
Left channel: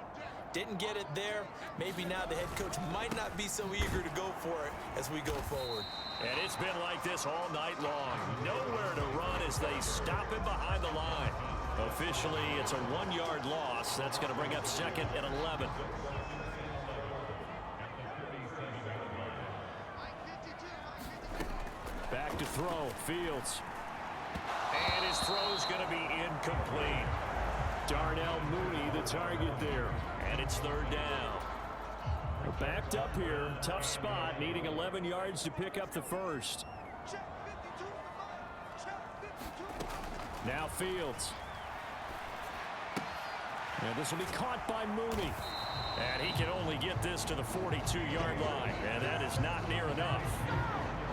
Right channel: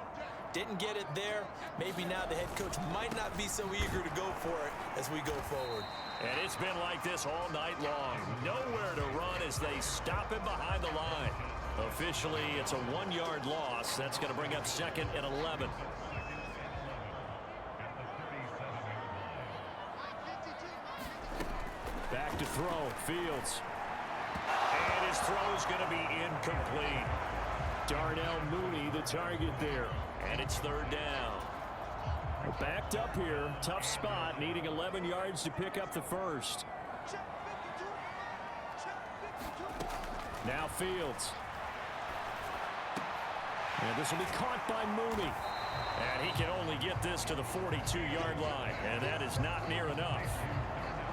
Didn't get it there. Maybe now the head coach might not be so eager to go for it as we go forward. And it's been like this all night long. Nowhere to run as they stop him behind the line. Officially, it's a 1-yard loss. That's going to bring up 2nd and 11. Back to throw. Fields. And his throw is going to be incomplete. Darnell Mooney, the target there. And it's 3rd down. We're backed up here. Tough spot, needing 11 yards to pick up the first. Now Fields. And this will be caught by Mooney. And he can only get this to the 42-yard line. And that is not near enough.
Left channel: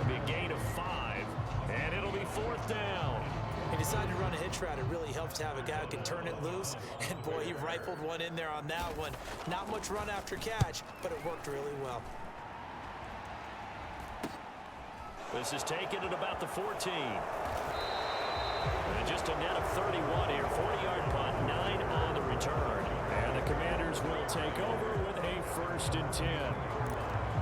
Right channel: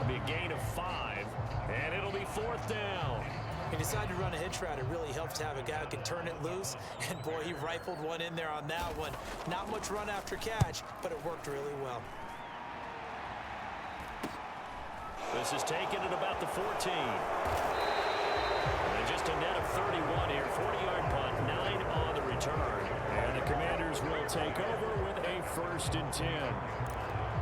It'll be a gain of 5. And it'll be 4th down. He decided to run a hitch route. It really helps to have a guy who can turn it loose. And, boy, he rifled one in there on that one. Not much run after catch, but it worked really well. This is taken at about the 14. And just a net of 31 here. 40-yard punt, 9 on the return. And the Commanders will take over with a 1st and 10.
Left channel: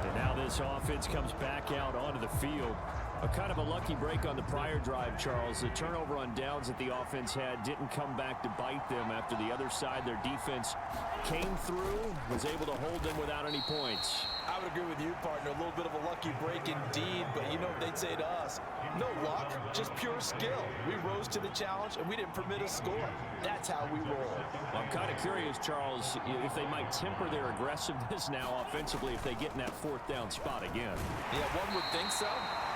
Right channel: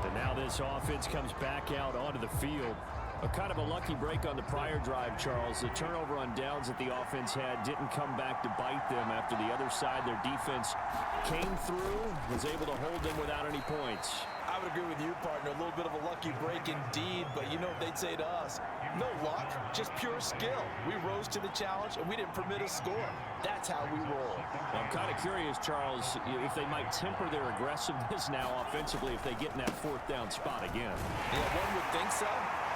And now this offense comes back out onto the field. A kind of a lucky break on the prior drive, Charles. The turnover on downs that the offense had didn't come back to bite them after the other side. Their defense came through, was able to hold them without any points. I would agree with you, partner. A little bit of a lucky break indeed, but you know what they'd say to us? No luck, just pure skill. We rose to the challenge, and we didn't permit a score. That's how we roll. Well, I'm kind of curious, Charles, if they might temper their aggressiveness now offensively if they get in that 4th down spot again. Yeah, one would think so.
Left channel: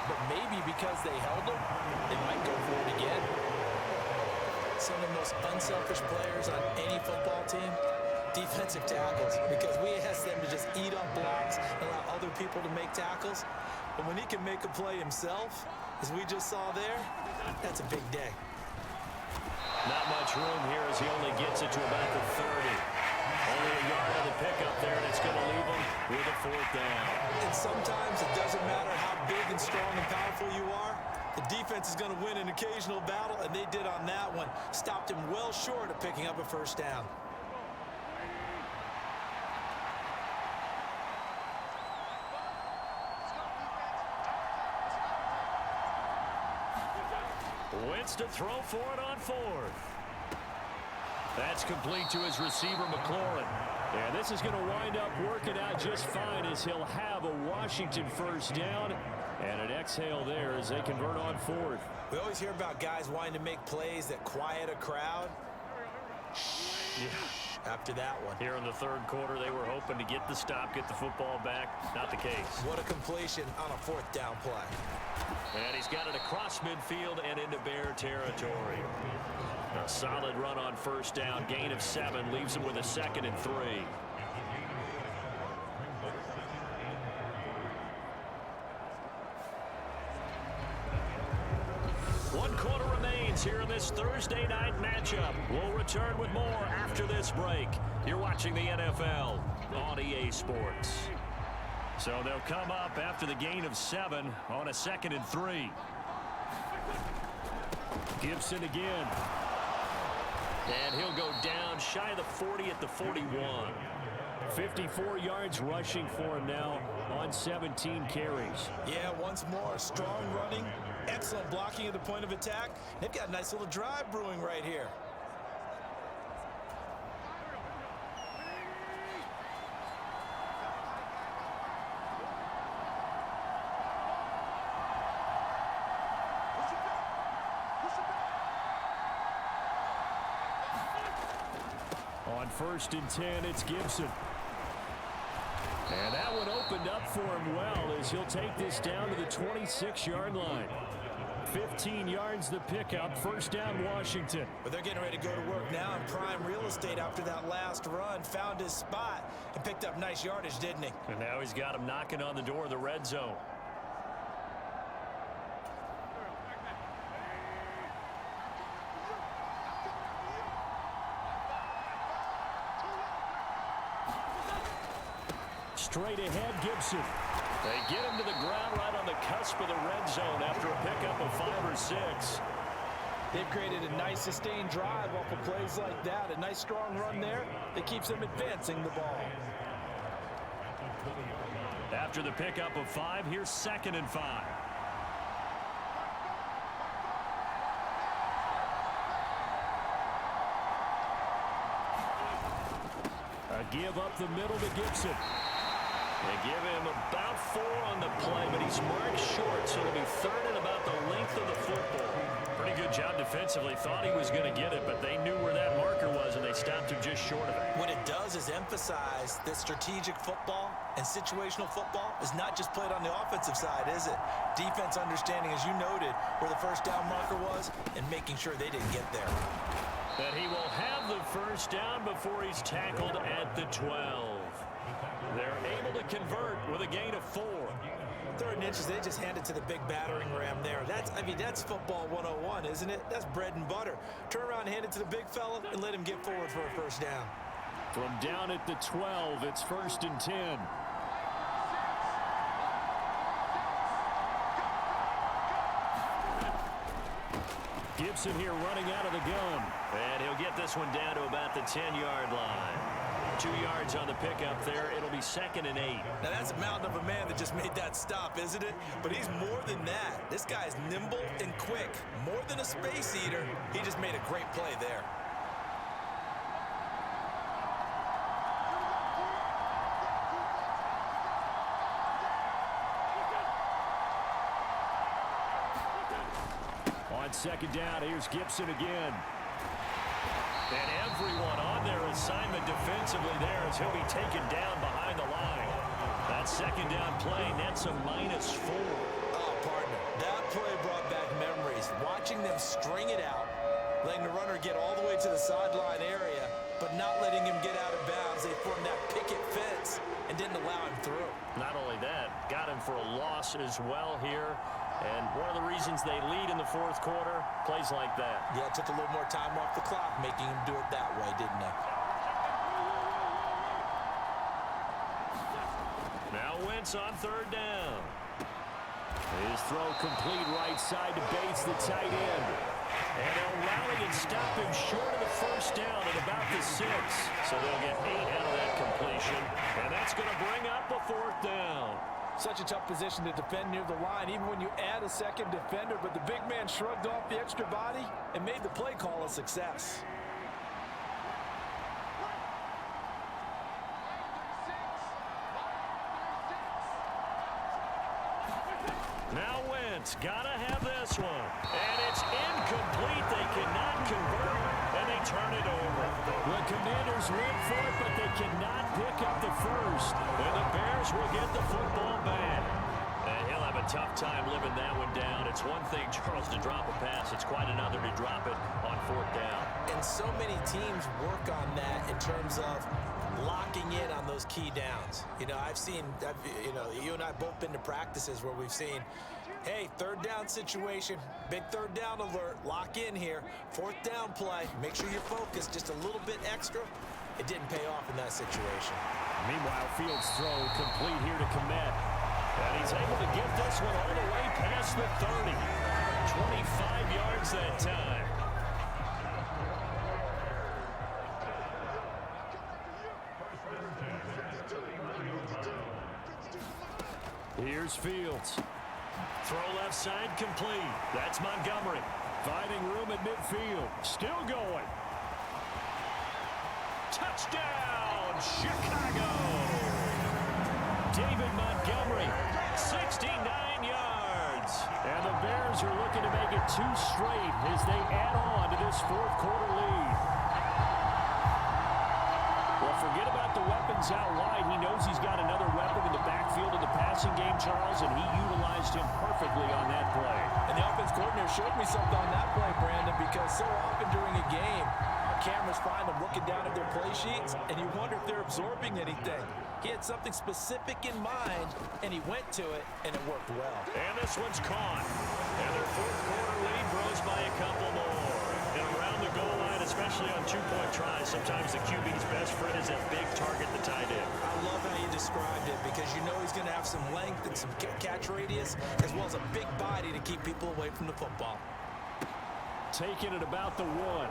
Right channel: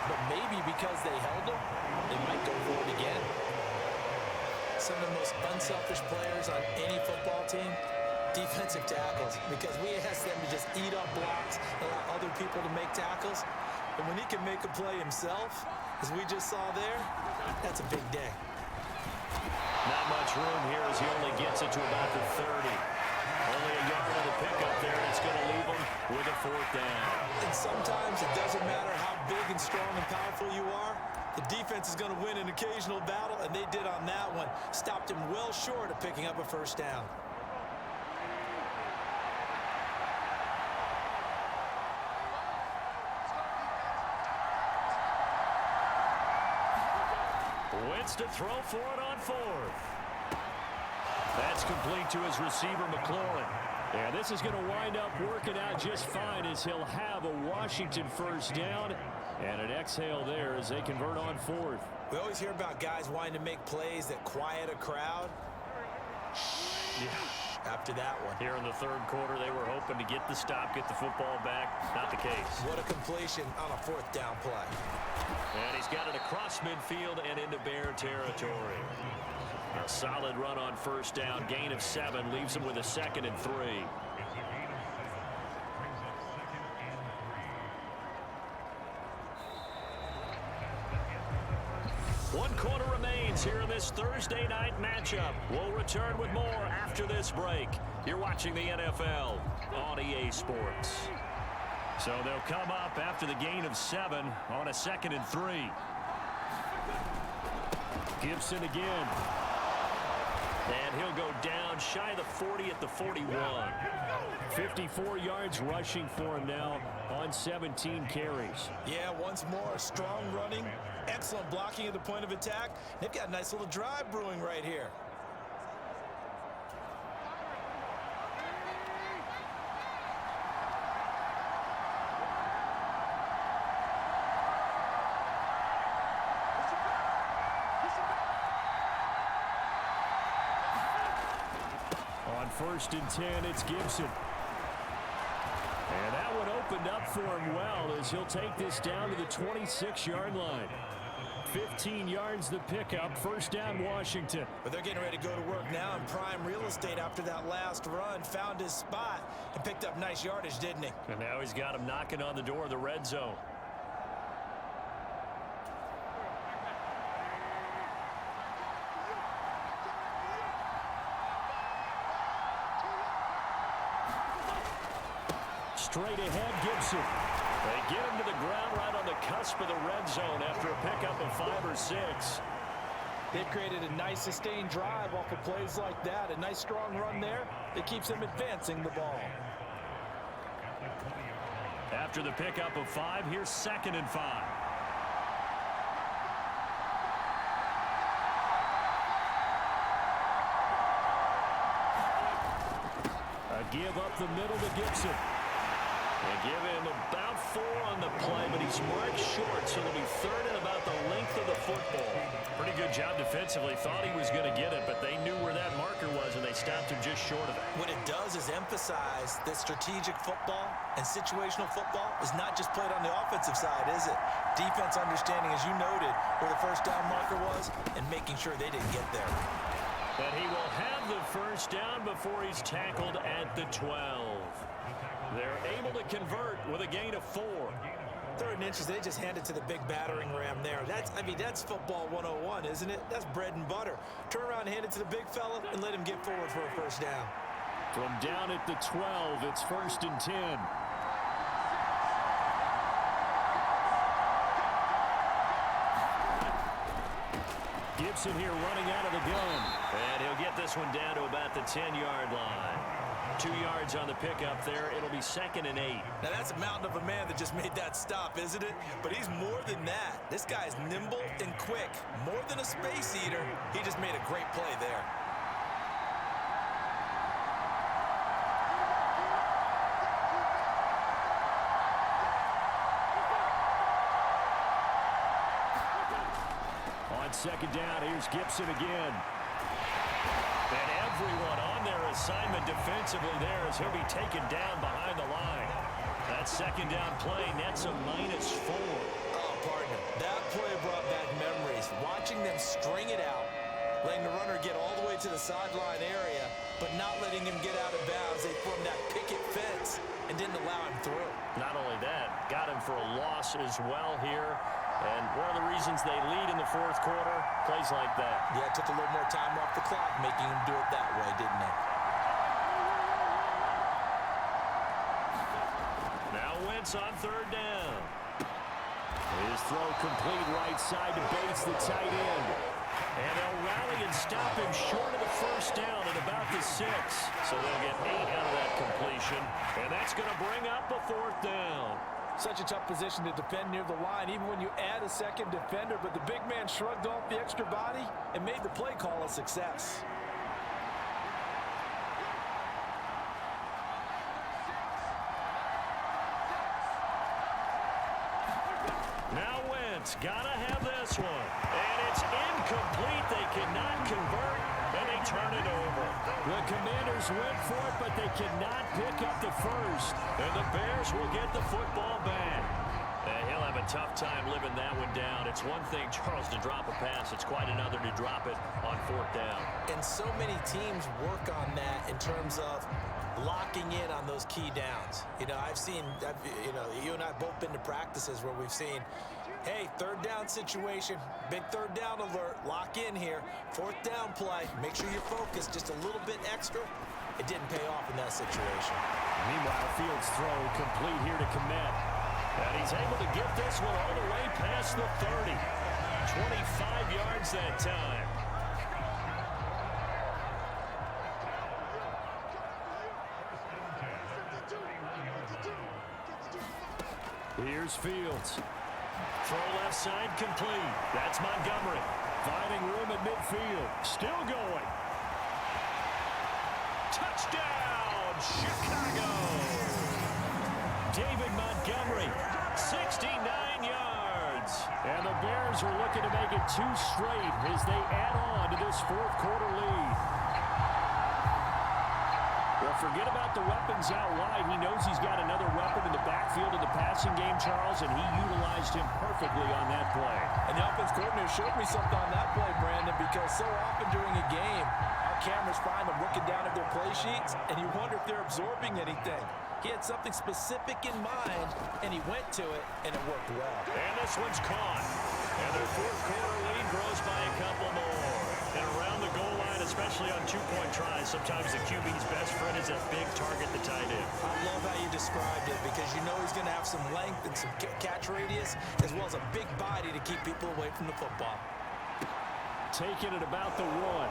But maybe because they held them, they might go for it again. Some of the most unselfish players on any football team, defensive tackles, because we ask them to just eat up blocks and allow other people to make tackles. And when he can make a play himself, as we just saw there, that's a big day. Not much room here as he only gets it to about the 30. Only a yard on the pickup there, and it's going to leave him with a 4th down. And sometimes it doesn't matter how big and strong and powerful you are. The defense is going to win an occasional battle, and they did on that one. Stopped him well short of picking up a 1st down. Wentz to throw for it on 4th. That's complete to his receiver, McLaurin. Yeah, this is going to wind up working out just fine as he'll have a Washington 1st down. And an exhale there as they convert on 4th. We always hear about guys wanting to make plays that quiet a crowd. After that one. Here in the 3rd quarter, they were hoping to get the stop, get the football back. Not the case. What a completion on a 4th down play. And he's got it across midfield and into Bear territory. A solid run on 1st down. Gain of 7 leaves him with a 2nd and 3. One quarter remains here in this Thursday night matchup. We'll return with more after this break. You're watching the NFL on EA Sports. So they'll come up after the gain of 7 on a 2nd and 3. Gibson again. And he'll go down shy of the 40 at the 41. 54 yards rushing for him now on 17 carries. Yeah, once more, strong running, excellent blocking at the point of attack. They've got a nice little drive brewing right here. On 1st and 10, it's Gibson. And that one opened up for him well as he'll take this down to the 26-yard line. 15 yards the pickup. 1st down, Washington. But they're getting ready to go to work now in prime real estate after that last run. Found his spot and picked up nice yardage, didn't he? And now he's got him knocking on the door of the red zone. straight ahead, Gibson. They get him to the ground right on the cusp of the red zone after a pickup of 5 or 6. They've created a nice sustained drive off of plays like that. A nice strong run there that keeps them advancing the ball. After the pickup of 5, here's 2nd and 5. A give up the middle to Gibson. They give him about 4 on the play, but he's marked short, so it'll be 3rd and about the length of the football. Pretty good job defensively. Thought he was going to get it, but they knew where that marker was, and they stopped him just short of it. What it does is emphasize that strategic football and situational football is not just played on the offensive side, is it? Defense understanding, as you noted, where the first down marker was and making sure they didn't get there. But he will have the first down before he's tackled at the 12. They're able to convert with a gain of 4. 3rd and inches, they just hand it to the big battering ram there. That's football 101, isn't it? That's bread and butter. Turn around and hand it to the big fella and let him get forward for a first down. From down at the 12, it's 1st and 10. Gibson here running out of the gun. And he'll get this one down to about the 10-yard line. 2 yards on the pickup there. It'll be 2nd and 8. Now, that's a mountain of a man that just made that stop, isn't it? But he's more than that. This guy's nimble and quick. More than a space eater. He just made a great play there. On 2nd down, here's Gibson again. And everyone on their assignment defensively there as he'll be taken down behind the line. That 2nd down play nets a -4. Oh, partner, that play brought back memories. Watching them string it out, letting the runner get all the way to the sideline area, but not letting him get out of bounds. They formed that picket fence and didn't allow him through. Not only that, got him for a loss as well here. And one of the reasons they lead in the 4th quarter, plays like that. Yeah, it took a little more time off the clock, making him do it that way, didn't they? Now Wentz on 3rd down. His throw complete right side to Bates, the tight end. And they'll rally and stop him short of the first down at about the 6. So they'll get 8 out of that completion. And that's going to bring up a 4th down. Such a tough position to defend near the line, even when you add a second defender. But the big man shrugged off the extra body and made the play call a success. Now Wentz, gotta have this one. And it's incomplete. They cannot convert, and they turn it over. The Commanders went for it, but they cannot pick up the first. And the Bears will get the football back. And he'll have a tough time living that one down. It's one thing, Charles, to drop a pass. It's quite another to drop it on 4th down. And so many teams work on that in terms of locking in on those key downs. You know, you and I both been to practices where we've seen, hey, 3rd down situation, big 3rd down alert, lock in here, 4th down play, make sure you're focused just a little bit extra. It didn't pay off in that situation. Meanwhile, Fields' throw complete here to Komet. And he's able to get this one all the way past the 30. 25 yards that time. Here's Fields. Throw left side complete. That's Montgomery. Finding room at midfield. Still going. Touchdown, Chicago. David Montgomery, 69 yards. And the Bears are looking to make it 2 straight as they add on to this 4th quarter lead. Well, forget about the weapons out wide. He knows he's got another weapon in the backfield of the passing game, Charles, and he utilized him perfectly on that play. And the offense coordinator showed me something on that play, Brandon, because so often during a game, our cameras find them looking down at their play sheets, and you wonder if they're absorbing anything. He had something specific in mind, and he went to it, and it worked well. And this one's caught. And their 4th quarter lead grows by a couple more. And around the goal line, especially on two-point tries, sometimes the QB's best friend is that big target, the tight end. I love how you described it because you know he's going to have some length and some catch radius as well as a big body to keep people away from the football. Taking it about the 1.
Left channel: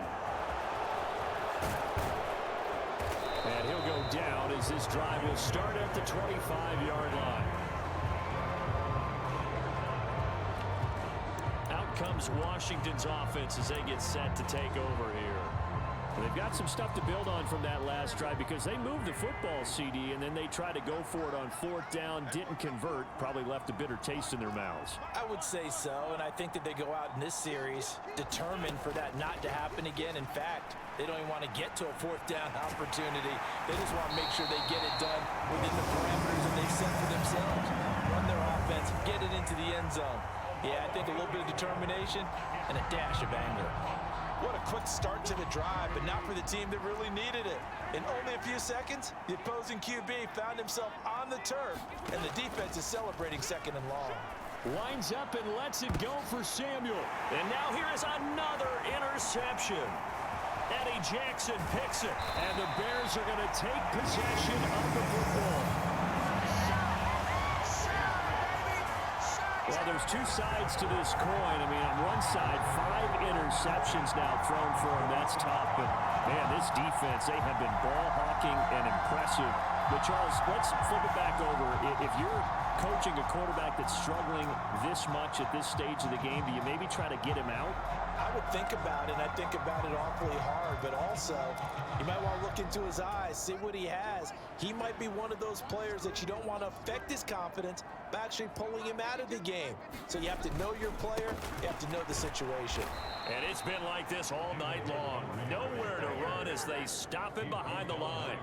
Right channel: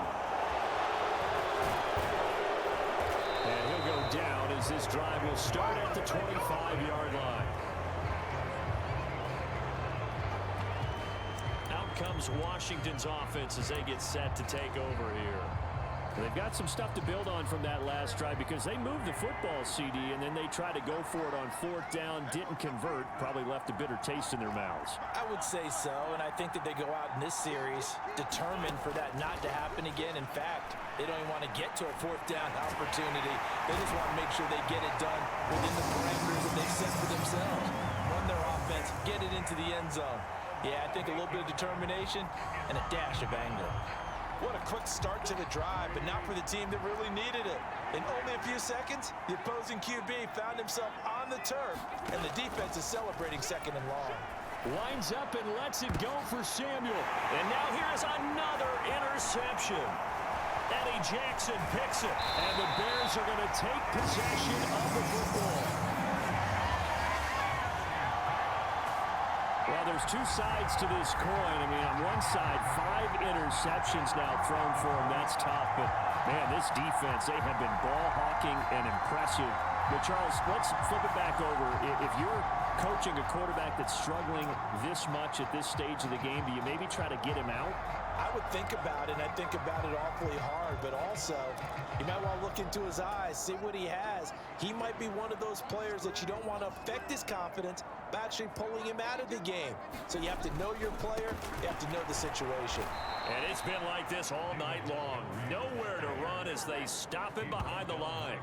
And he'll go down as this drive will start at the 25-yard line. Out comes Washington's offense as they get set to take over here. They've got some stuff to build on from that last drive because they moved the football, CD, and then they tried to go for it on 4th down, didn't convert, probably left a bitter taste in their mouths. I would say so, and I think that they go out in this series determined for that not to happen again. In fact, they don't even want to get to a 4th down opportunity. They just want to make sure they get it done within the parameters that they've set for themselves. Run their offense, get it into the end zone. Yeah, I think a little bit of determination and a dash of anger. What a quick start to the drive, but not for the team that really needed it. In only a few seconds, the opposing QB found himself on the turf, and the defense is celebrating 2nd and long. Winds up and lets it go for Samuel. And now here is another interception. Eddie Jackson picks it, and the Bears are going to take possession of the football. Well, there's two sides to this coin. I mean, on one side, 5 interceptions now thrown for him. That's tough. But, man, this defense, they have been ball hawking and impressive. But, Charles, let's flip it back over. If you're coaching a quarterback that's struggling this much at this stage of the game, do you maybe try to get him out? I would think about it, and I think about it awfully hard, but also you might want to look into his eyes, see what he has. He might be one of those players that you don't want to affect his confidence by actually pulling him out of the game. So you have to know your player, you have to know the situation. And it's been like this all night long. Nowhere to run as they stop him behind the line.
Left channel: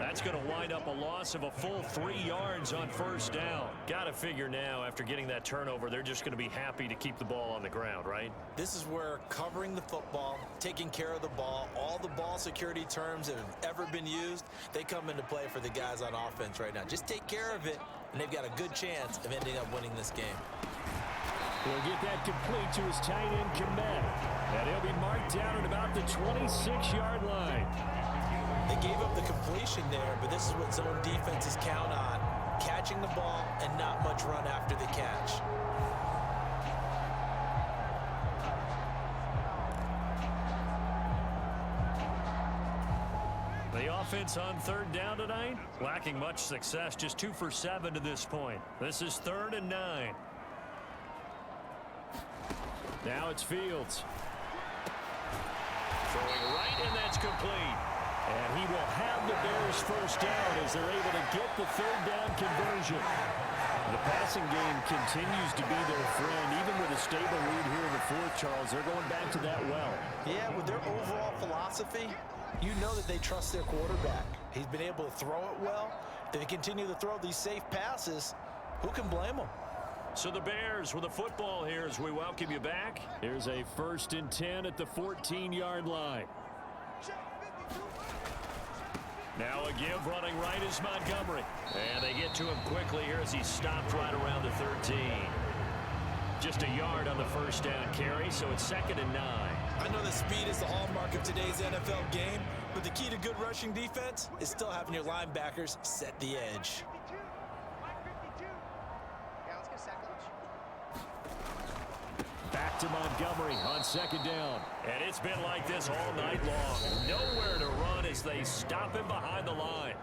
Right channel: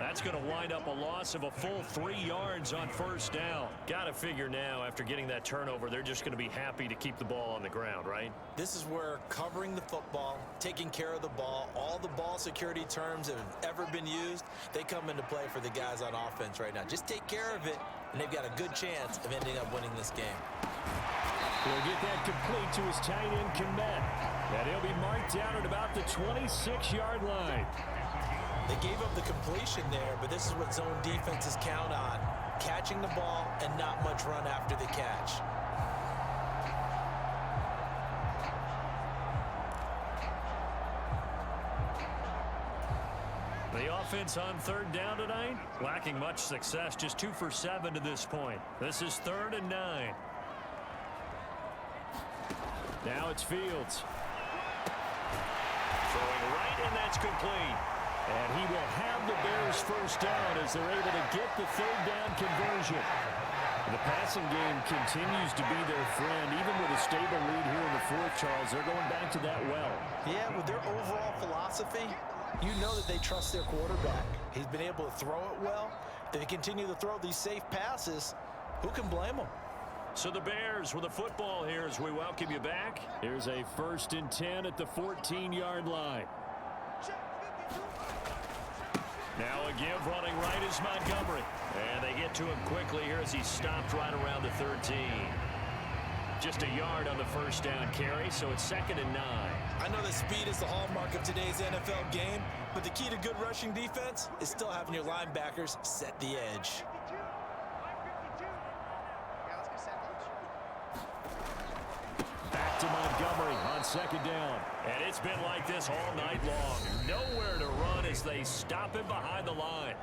That's going to wind up a loss of a full 3 yards on 1st down. Got to figure now, after getting that turnover, they're just going to be happy to keep the ball on the ground, right? This is where covering the football, taking care of the ball, all the ball security terms that have ever been used, they come into play for the guys on offense right now. Just take care of it, and they've got a good chance of ending up winning this game. He'll get that complete to his tight end, Komet. And he'll be marked down at about the 26-yard line. They gave up the completion there, but this is what zone defenses count on. Catching the ball and not much run after the catch. The offense on 3rd down tonight, lacking much success, just 2 for 7 to this point. This is 3rd and 9. Now it's Fields. Throwing right, and that's complete. And he will have the Bears 1st down as they're able to get the 3rd down conversion. The passing game continues to be their friend. Even with a stable lead here in the 4th, Charles, they're going back to that well. Yeah, with their overall philosophy, you know that they trust their quarterback. He's been able to throw it well. If they continue to throw these safe passes, who can blame them? So the Bears with the football here as we welcome you back. Here's a 1st and 10 at the 14-yard line. Now a give running right is Montgomery. And they get to him quickly here as he stopped right around the 13. Just a yard on the 1st down carry, so it's 2nd and 9. I know that speed is the hallmark of today's NFL game, but the key to good rushing defense is still having your linebackers set the edge. Back to Montgomery on 2nd down. And it's been like this all night long. Nowhere to run as they stop him behind the line.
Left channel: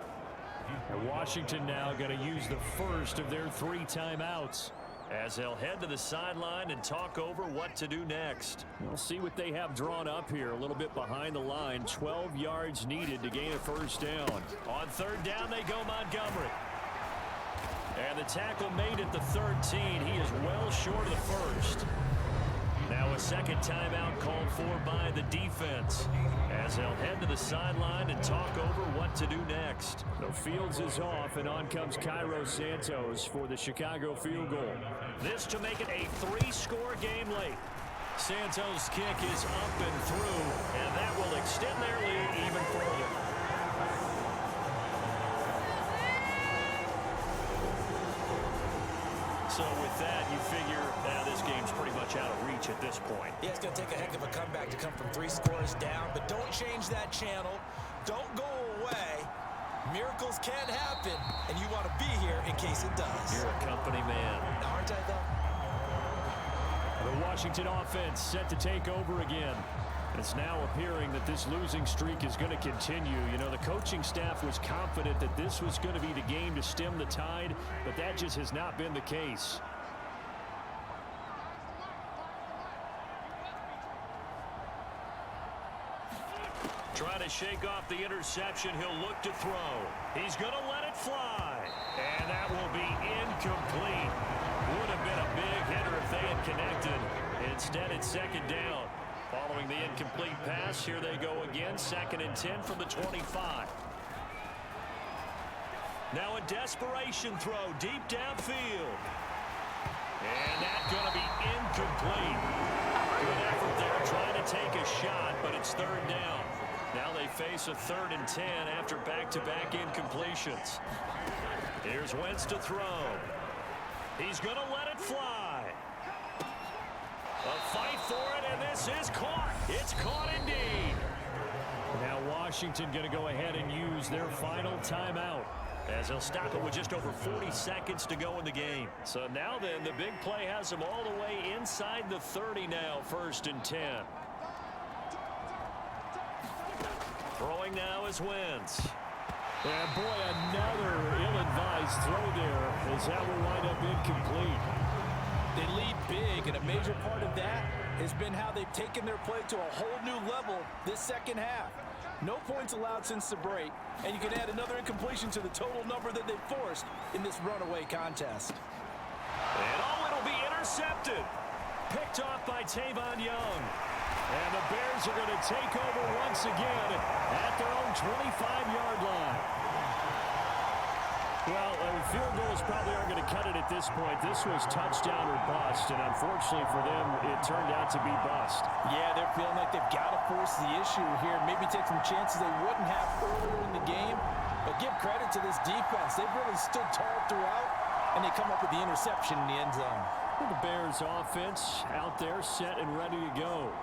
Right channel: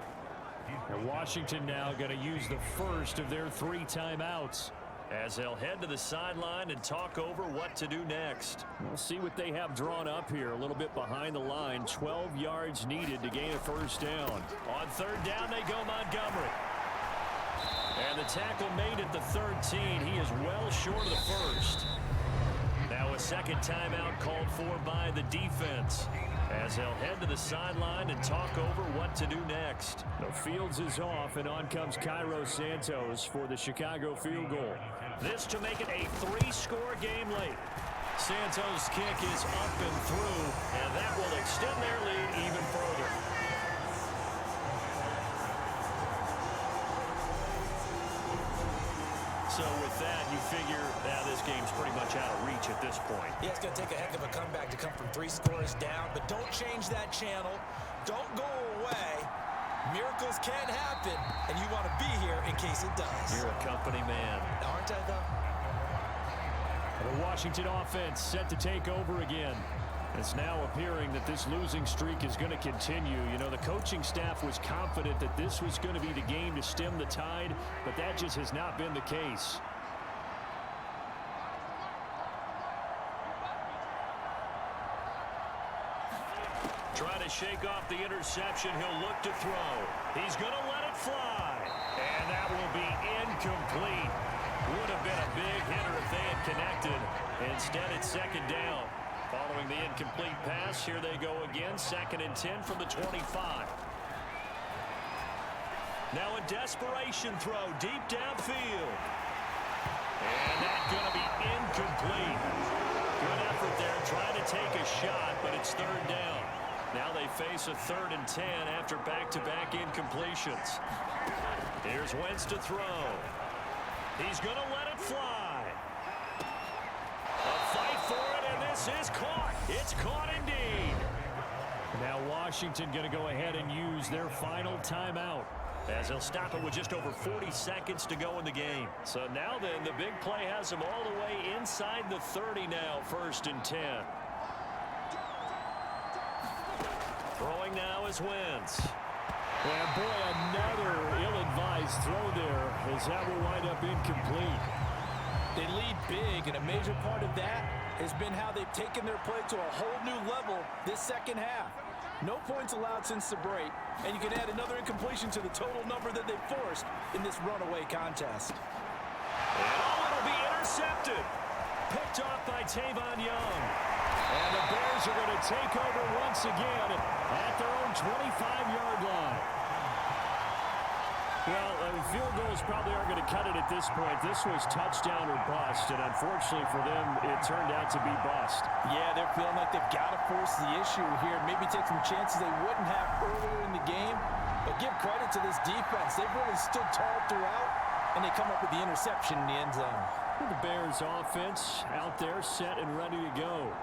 And Washington now going to use the first of their 3 timeouts, as they'll head to the sideline and talk over what to do next. We'll see what they have drawn up here. A little bit behind the line. 12 yards needed to gain a 1st down. On 3rd down, they go Montgomery. And the tackle made at the 13. He is well short of the 1st. Now a 2nd timeout called for by the defense, as they'll head to the sideline and talk over what to do next. The Fields is off, and on comes Cairo Santos for the Chicago field goal. This to make it a 3-score game late. Santos' kick is up and through, and that will extend their lead even further. So with that, you figure this game's pretty much out of reach at this point. Yeah, it's going to take a heck of a comeback to come from 3 scores down, but don't change that channel. Don't go away. Miracles can happen, and you want to be here in case it does. You're a company man. Aren't I, though? The Washington offense set to take over again. It's now appearing that this losing streak is going to continue. You know, the coaching staff was confident that this was going to be the game to stem the tide, but that just has not been the case. Trying to shake off the interception. He'll look to throw. He's going to let it fly. And that will be incomplete. Would have been a big hitter if they had connected. Instead, it's second down. Following the incomplete pass, here they go again. 2nd and 10 from the 25. Now a desperation throw deep downfield. And that's going to be incomplete. Good effort there trying to take a shot, but it's 3rd down. Now they face a 3rd and 10 after back-to-back incompletions. Here's Wentz to throw. He's going to let it fly. A fight for it, and this is caught. It's caught indeed. Now Washington going to go ahead and use their final timeout, as they'll stop it with just over 40 seconds to go in the game. So now then, the big play has them all the way inside the 30 now, 1st and 10. Throwing now is Wentz. And boy, another ill-advised throw there, as that will wind up incomplete. They lead big, and a major part of that has been how they've taken their play to a whole new level this second half. No points allowed since the break, and you can add another incompletion to the total number that they've forced in this runaway contest. And it'll be intercepted. Picked off by Tavon Young. And the Bears are going to take over once again at their own 25-yard line. Well, field goals probably aren't going to cut it at this point. This was touchdown or bust, and unfortunately for them, it turned out to be bust. Yeah, they're feeling like they've got to force the issue here. Maybe take some chances they wouldn't have earlier in the game. But give credit to this defense. They've really stood tall throughout, and they come up with the interception in the end zone. Well, the Bears offense out there set and ready to go.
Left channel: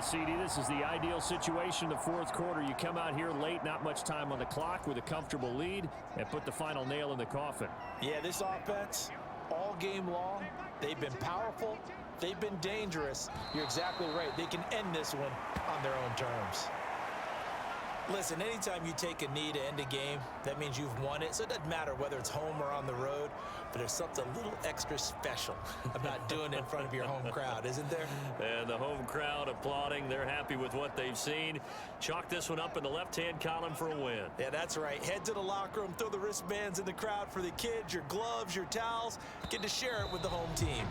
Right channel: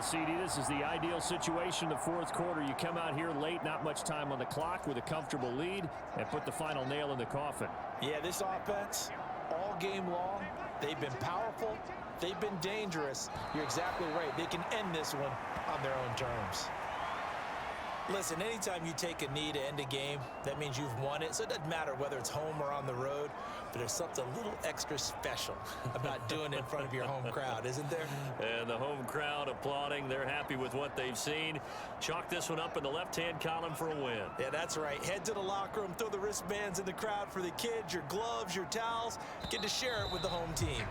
CD, this is the ideal situation in the 4th quarter. You come out here late, not much time on the clock, with a comfortable lead, and put the final nail in the coffin. Yeah, this offense, all game long, they've been powerful, they've been dangerous. You're exactly right. They can end this one on their own terms. Listen, anytime you take a knee to end a game, that means you've won it. So it doesn't matter whether it's home or on the road, but there's something a little extra special about doing it in front of your home crowd, isn't there? And the home crowd applauding. They're happy with what they've seen. Chalk this one up in the left-hand column for a win. Yeah, that's right. Head to the locker room, throw the wristbands in the crowd for the kids, your gloves, your towels. Get to share it with the home team.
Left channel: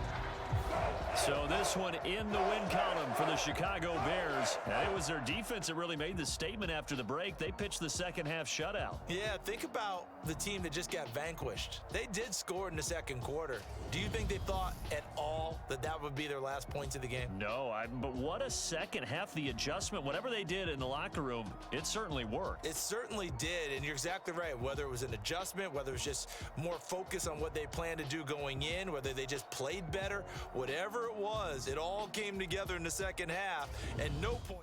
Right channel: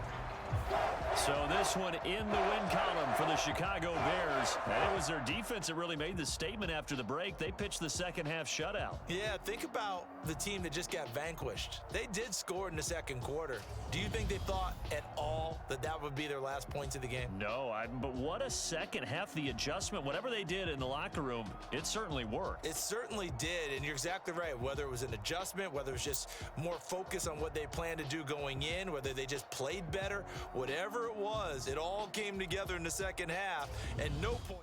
So this one in the win column for the Chicago Bears. And it was their defense that really made the statement after the break. They pitched the second half shutout. Yeah, think about the team that just got vanquished. They did score in the 2nd quarter. Do you think they thought at all that that would be their last points of the game? No, but what a second half. The adjustment, whatever they did in the locker room, it certainly worked. It certainly did, and you're exactly right. Whether it was an adjustment, whether it was just more focus on what they planned to do going in, whether they just played better, whatever it was, it all came together in the second half, and no point.